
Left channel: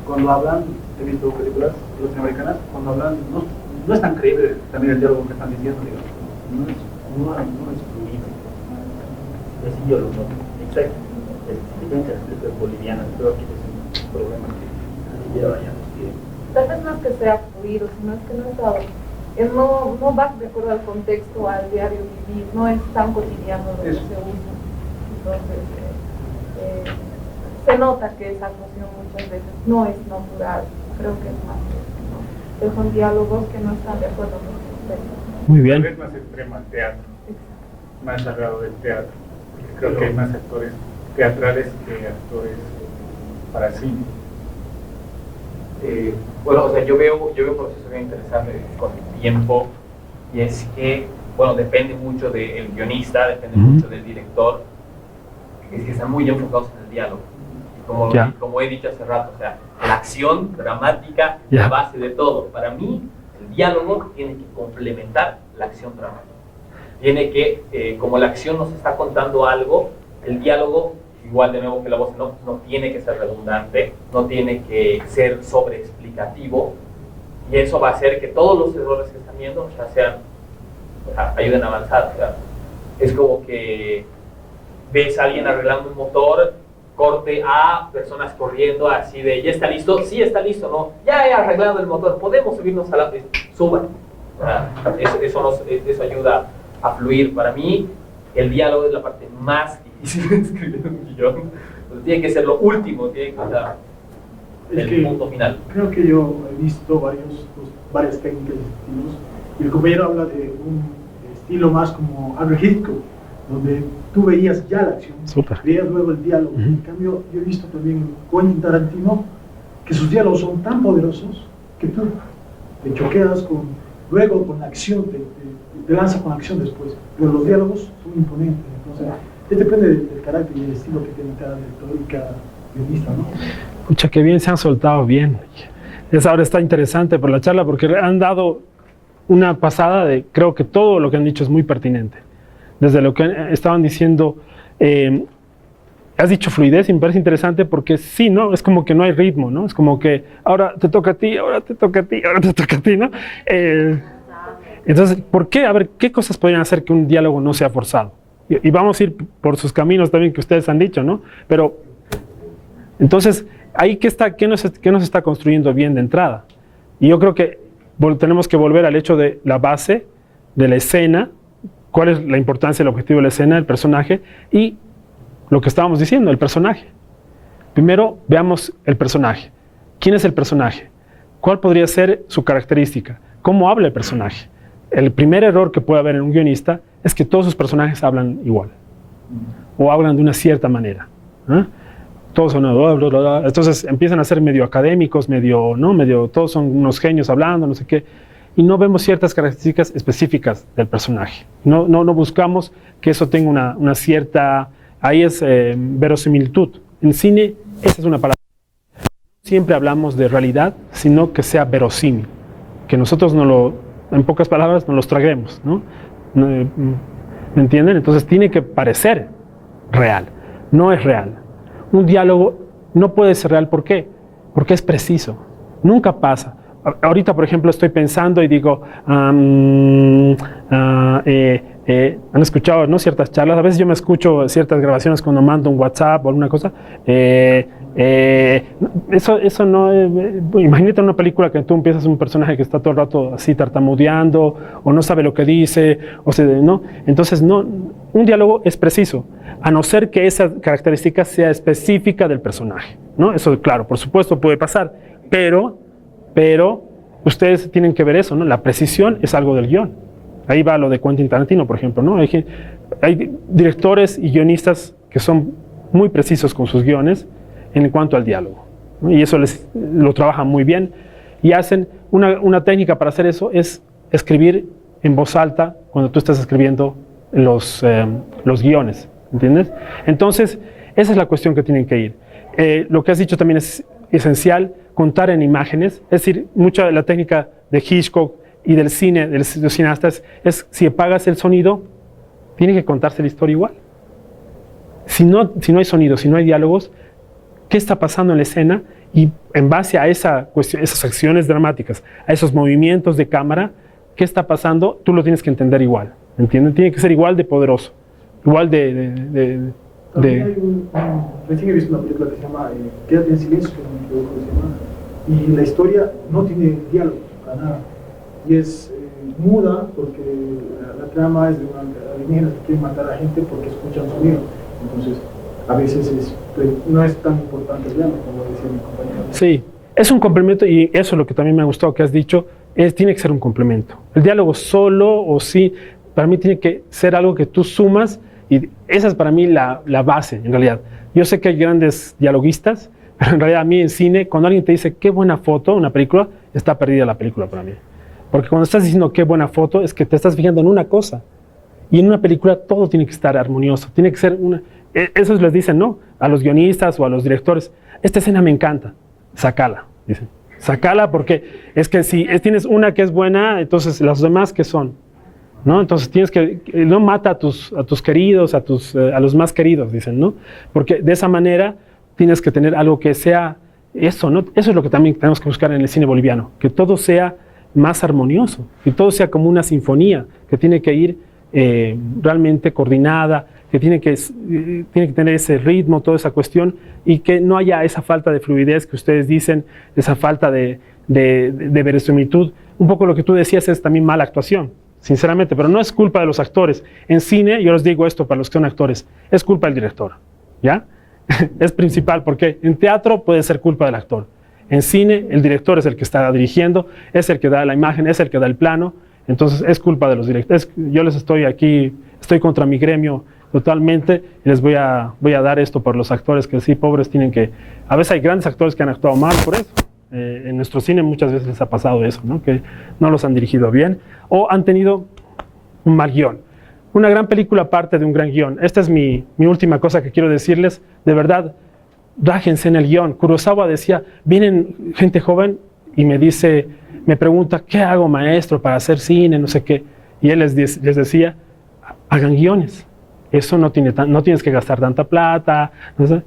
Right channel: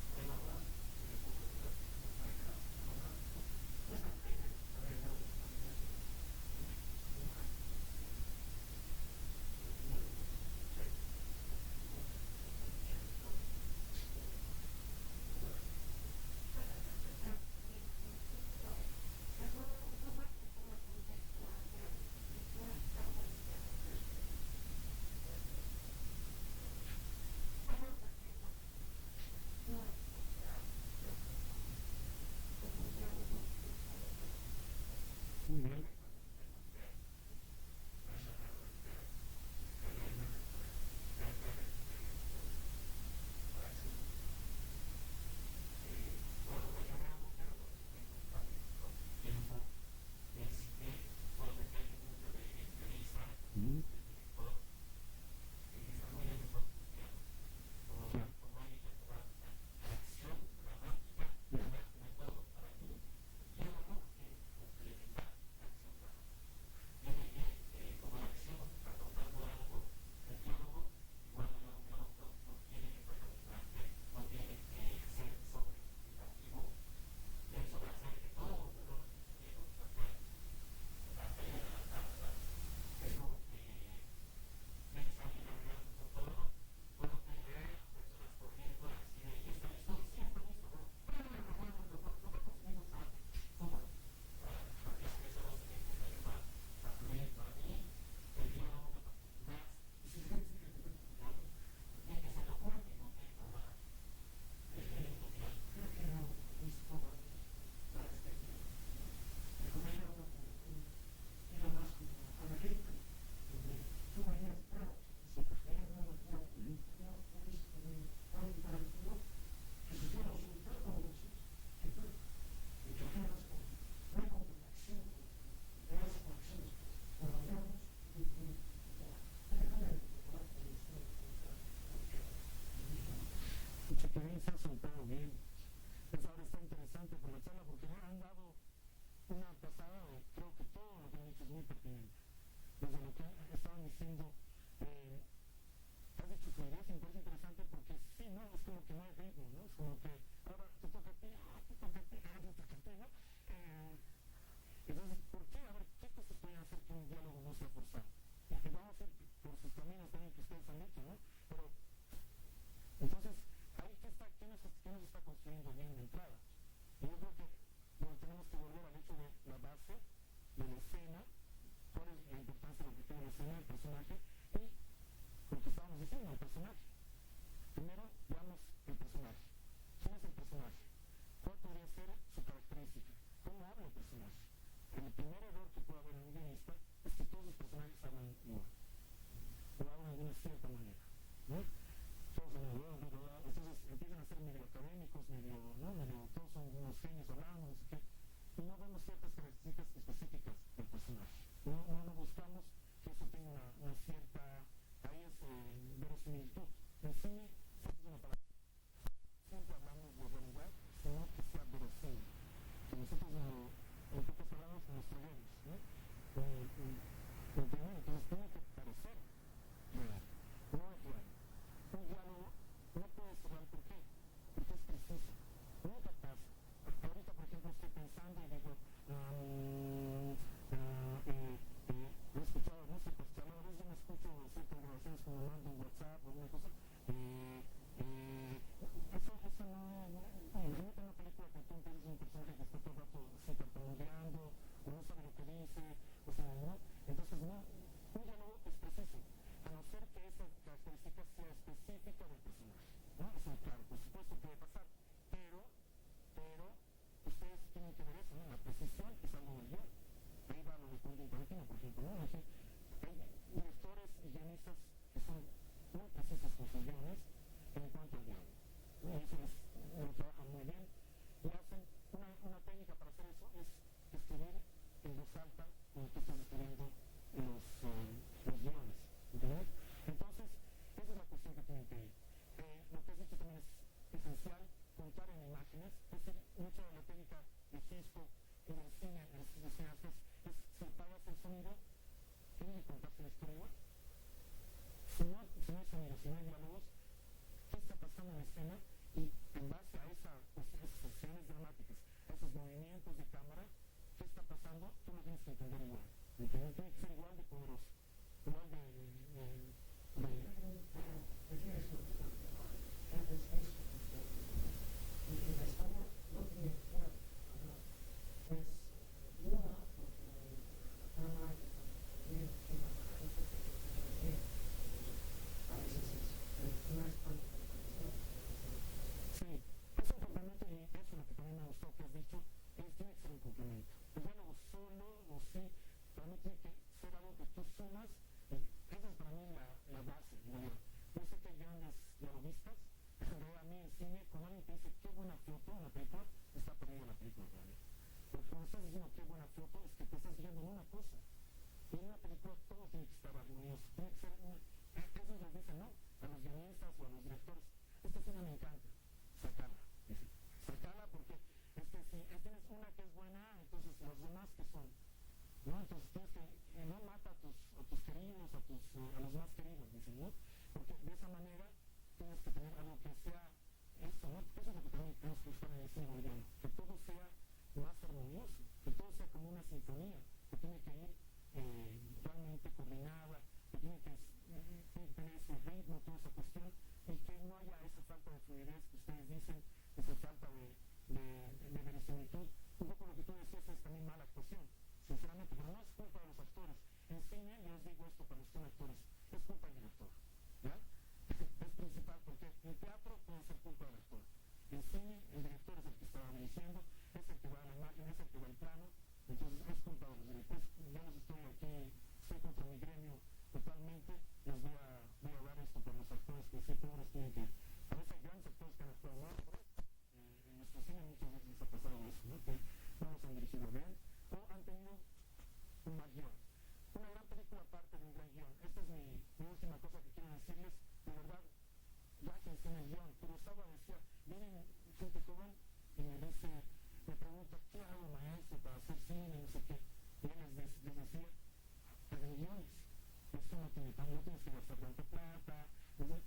cuando hablan, he visto películas latinoamericanas, cuando hablan no es tan creíble también el diálogo que están diciendo, digamos. No es fluido. Así yo lo noto. Exacto. Diferentes películas bolivianas, creo que es un problema que lleva ya los tiempos. Tal vez no es que sea fluido, sino es que no va de acuerdo al contexto, al diario vivir, no es tan cotidiano lo que se usa. Entonces, se nota que esa actuación muchas veces no es natural, creo que es más eso, ¿no? Que son diálogos que no están de acuerdo con el contexto. Muy bien. Tal vez más extremo al teatro, más sagrado del teatro. Creo que hay más actores teatrales que actores para cine. Bueno, o sea, yo veo un proceso bien interesante con el tiempo, y es que, bueno, depende mucho del guionista, depende mucho del director, es que están muy enfocados en el diálogo. Y como he dicho hace rato, o sea, la acción dramática es la base de todo. Para mí, el diálogo tiene que complementar la acción dramática. Tiene que, como la acción nos está contando algo, el diálogo, igual de nuevo que la voz, no tiene que ser redundante, no tiene que ser sobreexplicativo, y eso va a hacer que todos los errores que están viendo ya sean, o sea, ayuden a avanzar. O sea, es como que ves a alguien arreglando un motor, corte a personas corriendo así de, ¿ya está listo? Sí, está listo, ¿no? Ya he arreglado el motor, podemos subirnos a la... Suban. O sea, eso ayuda a fluir. Para mí, el diálogo es la parte más difícil de escribir un guión. Entonces, tiene que ser lo último, tiene que ser el punto final. Creo que yo he visto varias técnicas y estilos, y el compañero habla de un estilo más como Alfred Hitchcock, donde tú veías ya la acción, veías luego el diálogo. En cambio, yo he visto también con Quentin Tarantino que sus diálogos son tan poderosos que tú te choqueas luego con la acción, te lanzas con la acción después, pero los diálogos son imponentes. Entonces, depende del carácter y el estilo que tiene cada director y cada guionista, ¿no? Pucha, qué bien se han soltado, bien. Ahora está interesante por la charla porque han dado una pasada de, creo que todo lo que han dicho es muy pertinente. Desde lo que estaban diciendo, has dicho fluidez y me parece interesante porque sí, ¿no? Es como que no hay ritmo, ¿no? Es como que ahora te toca a ti, ahora te toca a ti, ahora te toca a ti, ¿no? Entonces, ¿por qué? A ver, ¿qué cosas podrían hacer que un diálogo no sea forzado? Y vamos a ir por sus caminos también que ustedes han dicho, ¿no? Pero, entonces, ahí ¿qué nos está construyendo bien de entrada? Y yo creo que tenemos que volver al hecho de la base, de la escena, cuál es la importancia, el objetivo de la escena, el personaje, y lo que estábamos diciendo, el personaje. Primero, veamos el personaje. ¿Quién es el personaje? ¿Cuál podría ser su característica? ¿Cómo habla el personaje? El primer error que puede haber en un guionista es que todos sus personajes hablan igual, o hablan de una cierta manera, ¿eh? Todos son, entonces empiezan a ser medio académicos, todos son unos genios hablando, no sé qué, y no vemos ciertas características específicas del personaje. No buscamos que eso tenga una cierta, ahí es verosimilitud. En cine, esa es una palabra. Siempre hablamos de realidad, sino que sea verosímil, que nosotros en pocas palabras, nos los traguemos, ¿no? ¿Me entienden? Entonces tiene que parecer real, no es real. Un diálogo no puede ser real, ¿por qué? Porque es preciso, nunca pasa. Ahorita, por ejemplo, estoy pensando y digo, han escuchado, ¿no?, ciertas charlas. A veces yo me escucho ciertas grabaciones cuando mando un WhatsApp o alguna cosa. Eso no, imagínate una película que tú empiezas un personaje que está todo el rato así tartamudeando o no sabe lo que dice, ¿no? Entonces, no, un diálogo es preciso, a no ser que esa característica sea específica del personaje, ¿no? Eso, claro, por supuesto puede pasar, pero ustedes tienen que ver eso, ¿no? La precisión es algo del guión. Ahí va lo de Quentin Tarantino, por ejemplo, ¿no? Hay directores y guionistas que son muy precisos con sus guiones en cuanto al diálogo, ¿no? Y eso lo trabajan muy bien. Y hacen una técnica para hacer eso es escribir en voz alta cuando tú estás escribiendo los guiones, ¿entiendes? Entonces, esa es la cuestión que tienen que ir. Lo que has dicho también es esencial, contar en imágenes. Es decir, mucha de la técnica de Hitchcock y del cine, de los cineastas, es si apagas el sonido, tiene que contarse la historia igual. Si no hay sonido, si no hay diálogos, ¿qué está pasando en la escena? Y en base a esas acciones dramáticas, a esos movimientos de cámara, ¿qué está pasando? Tú lo tienes que entender igual, ¿entienden? Tiene que ser igual de poderoso, igual Recién he visto una película que se llama Quédate en silencio, que no me equivoco cómo se llama, y la historia no tiene diálogo para nada, y es muda porque la trama es de una alienígena que quiere matar a gente porque escuchan sonido. Entonces, a veces no es tan importante el diálogo, como decía mi compañero. Sí, es un complemento, y eso es lo que también me ha gustado que has dicho, tiene que ser un complemento. El diálogo solo o sí, para mí tiene que ser algo que tú sumas, y esa es para mí la base, en realidad. Yo sé que hay grandes dialoguistas, pero en realidad a mí en cine, cuando alguien te dice qué buena foto, una película, está perdida la película para mí. Porque cuando estás diciendo qué buena foto, es que te estás fijando en una cosa. Y en una película todo tiene que estar armonioso, tiene que ser eso les dicen, ¿no?, a los guionistas o a los directores, esta escena me encanta, sácala, dicen. Sácala porque es que si tienes una que es buena, entonces las demás, ¿qué son? ¿no? Entonces tienes que, no mata a tus queridos, a los más queridos, dicen, ¿no? Porque de esa manera tienes que tener algo que sea eso, ¿no? Eso es lo que también tenemos que buscar en el cine boliviano, que todo sea más armonioso, que todo sea como una sinfonía, que tiene que ir realmente coordinada, que tiene que tener ese ritmo, toda esa cuestión, y que no haya esa falta de fluidez que ustedes dicen, esa falta de verosimilitud. Un poco lo que tú decías es también mala actuación, sinceramente, pero no es culpa de los actores. En cine, yo les digo esto para los que son actores, es culpa del director, ¿ya? Es principal, porque en teatro puede ser culpa del actor. En cine, el director es el que está dirigiendo, es el que da la imagen, es el que da el plano, entonces es culpa de los directores. Yo les estoy aquí, estoy contra mi gremio totalmente, y les voy a dar esto por los actores que sí, pobres, tienen que... A veces hay grandes actores que han actuado mal por eso. En nuestro cine muchas veces les ha pasado eso, ¿no? Que no los han dirigido bien o han tenido un mal guión. Una gran película parte de un gran guión. Esta es mi última cosa que quiero decirles. De verdad, rájense en el guión. Kurosawa decía, vienen gente joven y me pregunta, ¿qué hago, maestro, para hacer cine? No sé qué. Y él les decía, hagan guiones. Eso no tienes que gastar tanta plata. No sé,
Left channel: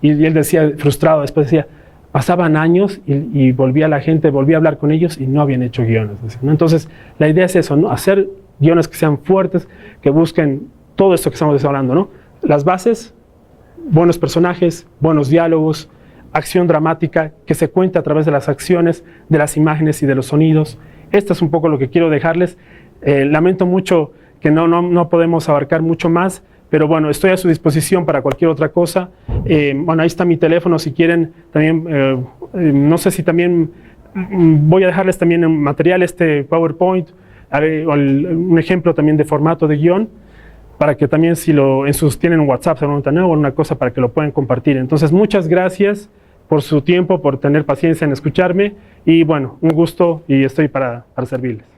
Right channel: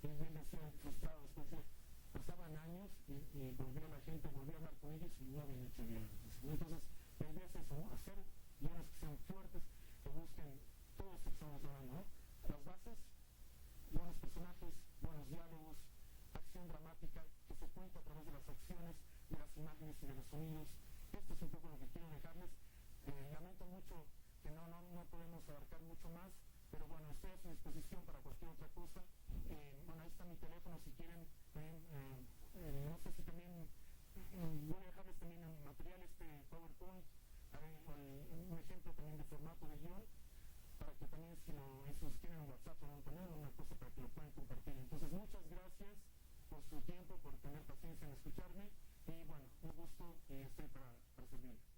y él decía, frustrado, después decía, pasaban años y volvía la gente, volvía a hablar con ellos y no habían hecho guiones, ¿no? Entonces, la idea es eso, ¿no? Hacer guiones que sean fuertes, que busquen todo esto que estamos hablando, ¿no? Las bases, buenos personajes, buenos diálogos, acción dramática, que se cuente a través de las acciones, de las imágenes y de los sonidos. Esto es un poco lo que quiero dejarles. Lamento mucho que no podemos abarcar mucho más, pero bueno, estoy a su disposición para cualquier otra cosa. Bueno, ahí está mi teléfono si quieren. También, no sé si también voy a dejarles también en material PowerPoint, un ejemplo también de formato de guión, para que también si tienen un WhatsApp o una cosa para que lo puedan compartir. Entonces, muchas gracias por su tiempo, por tener paciencia en escucharme y bueno, un gusto y estoy para servirles.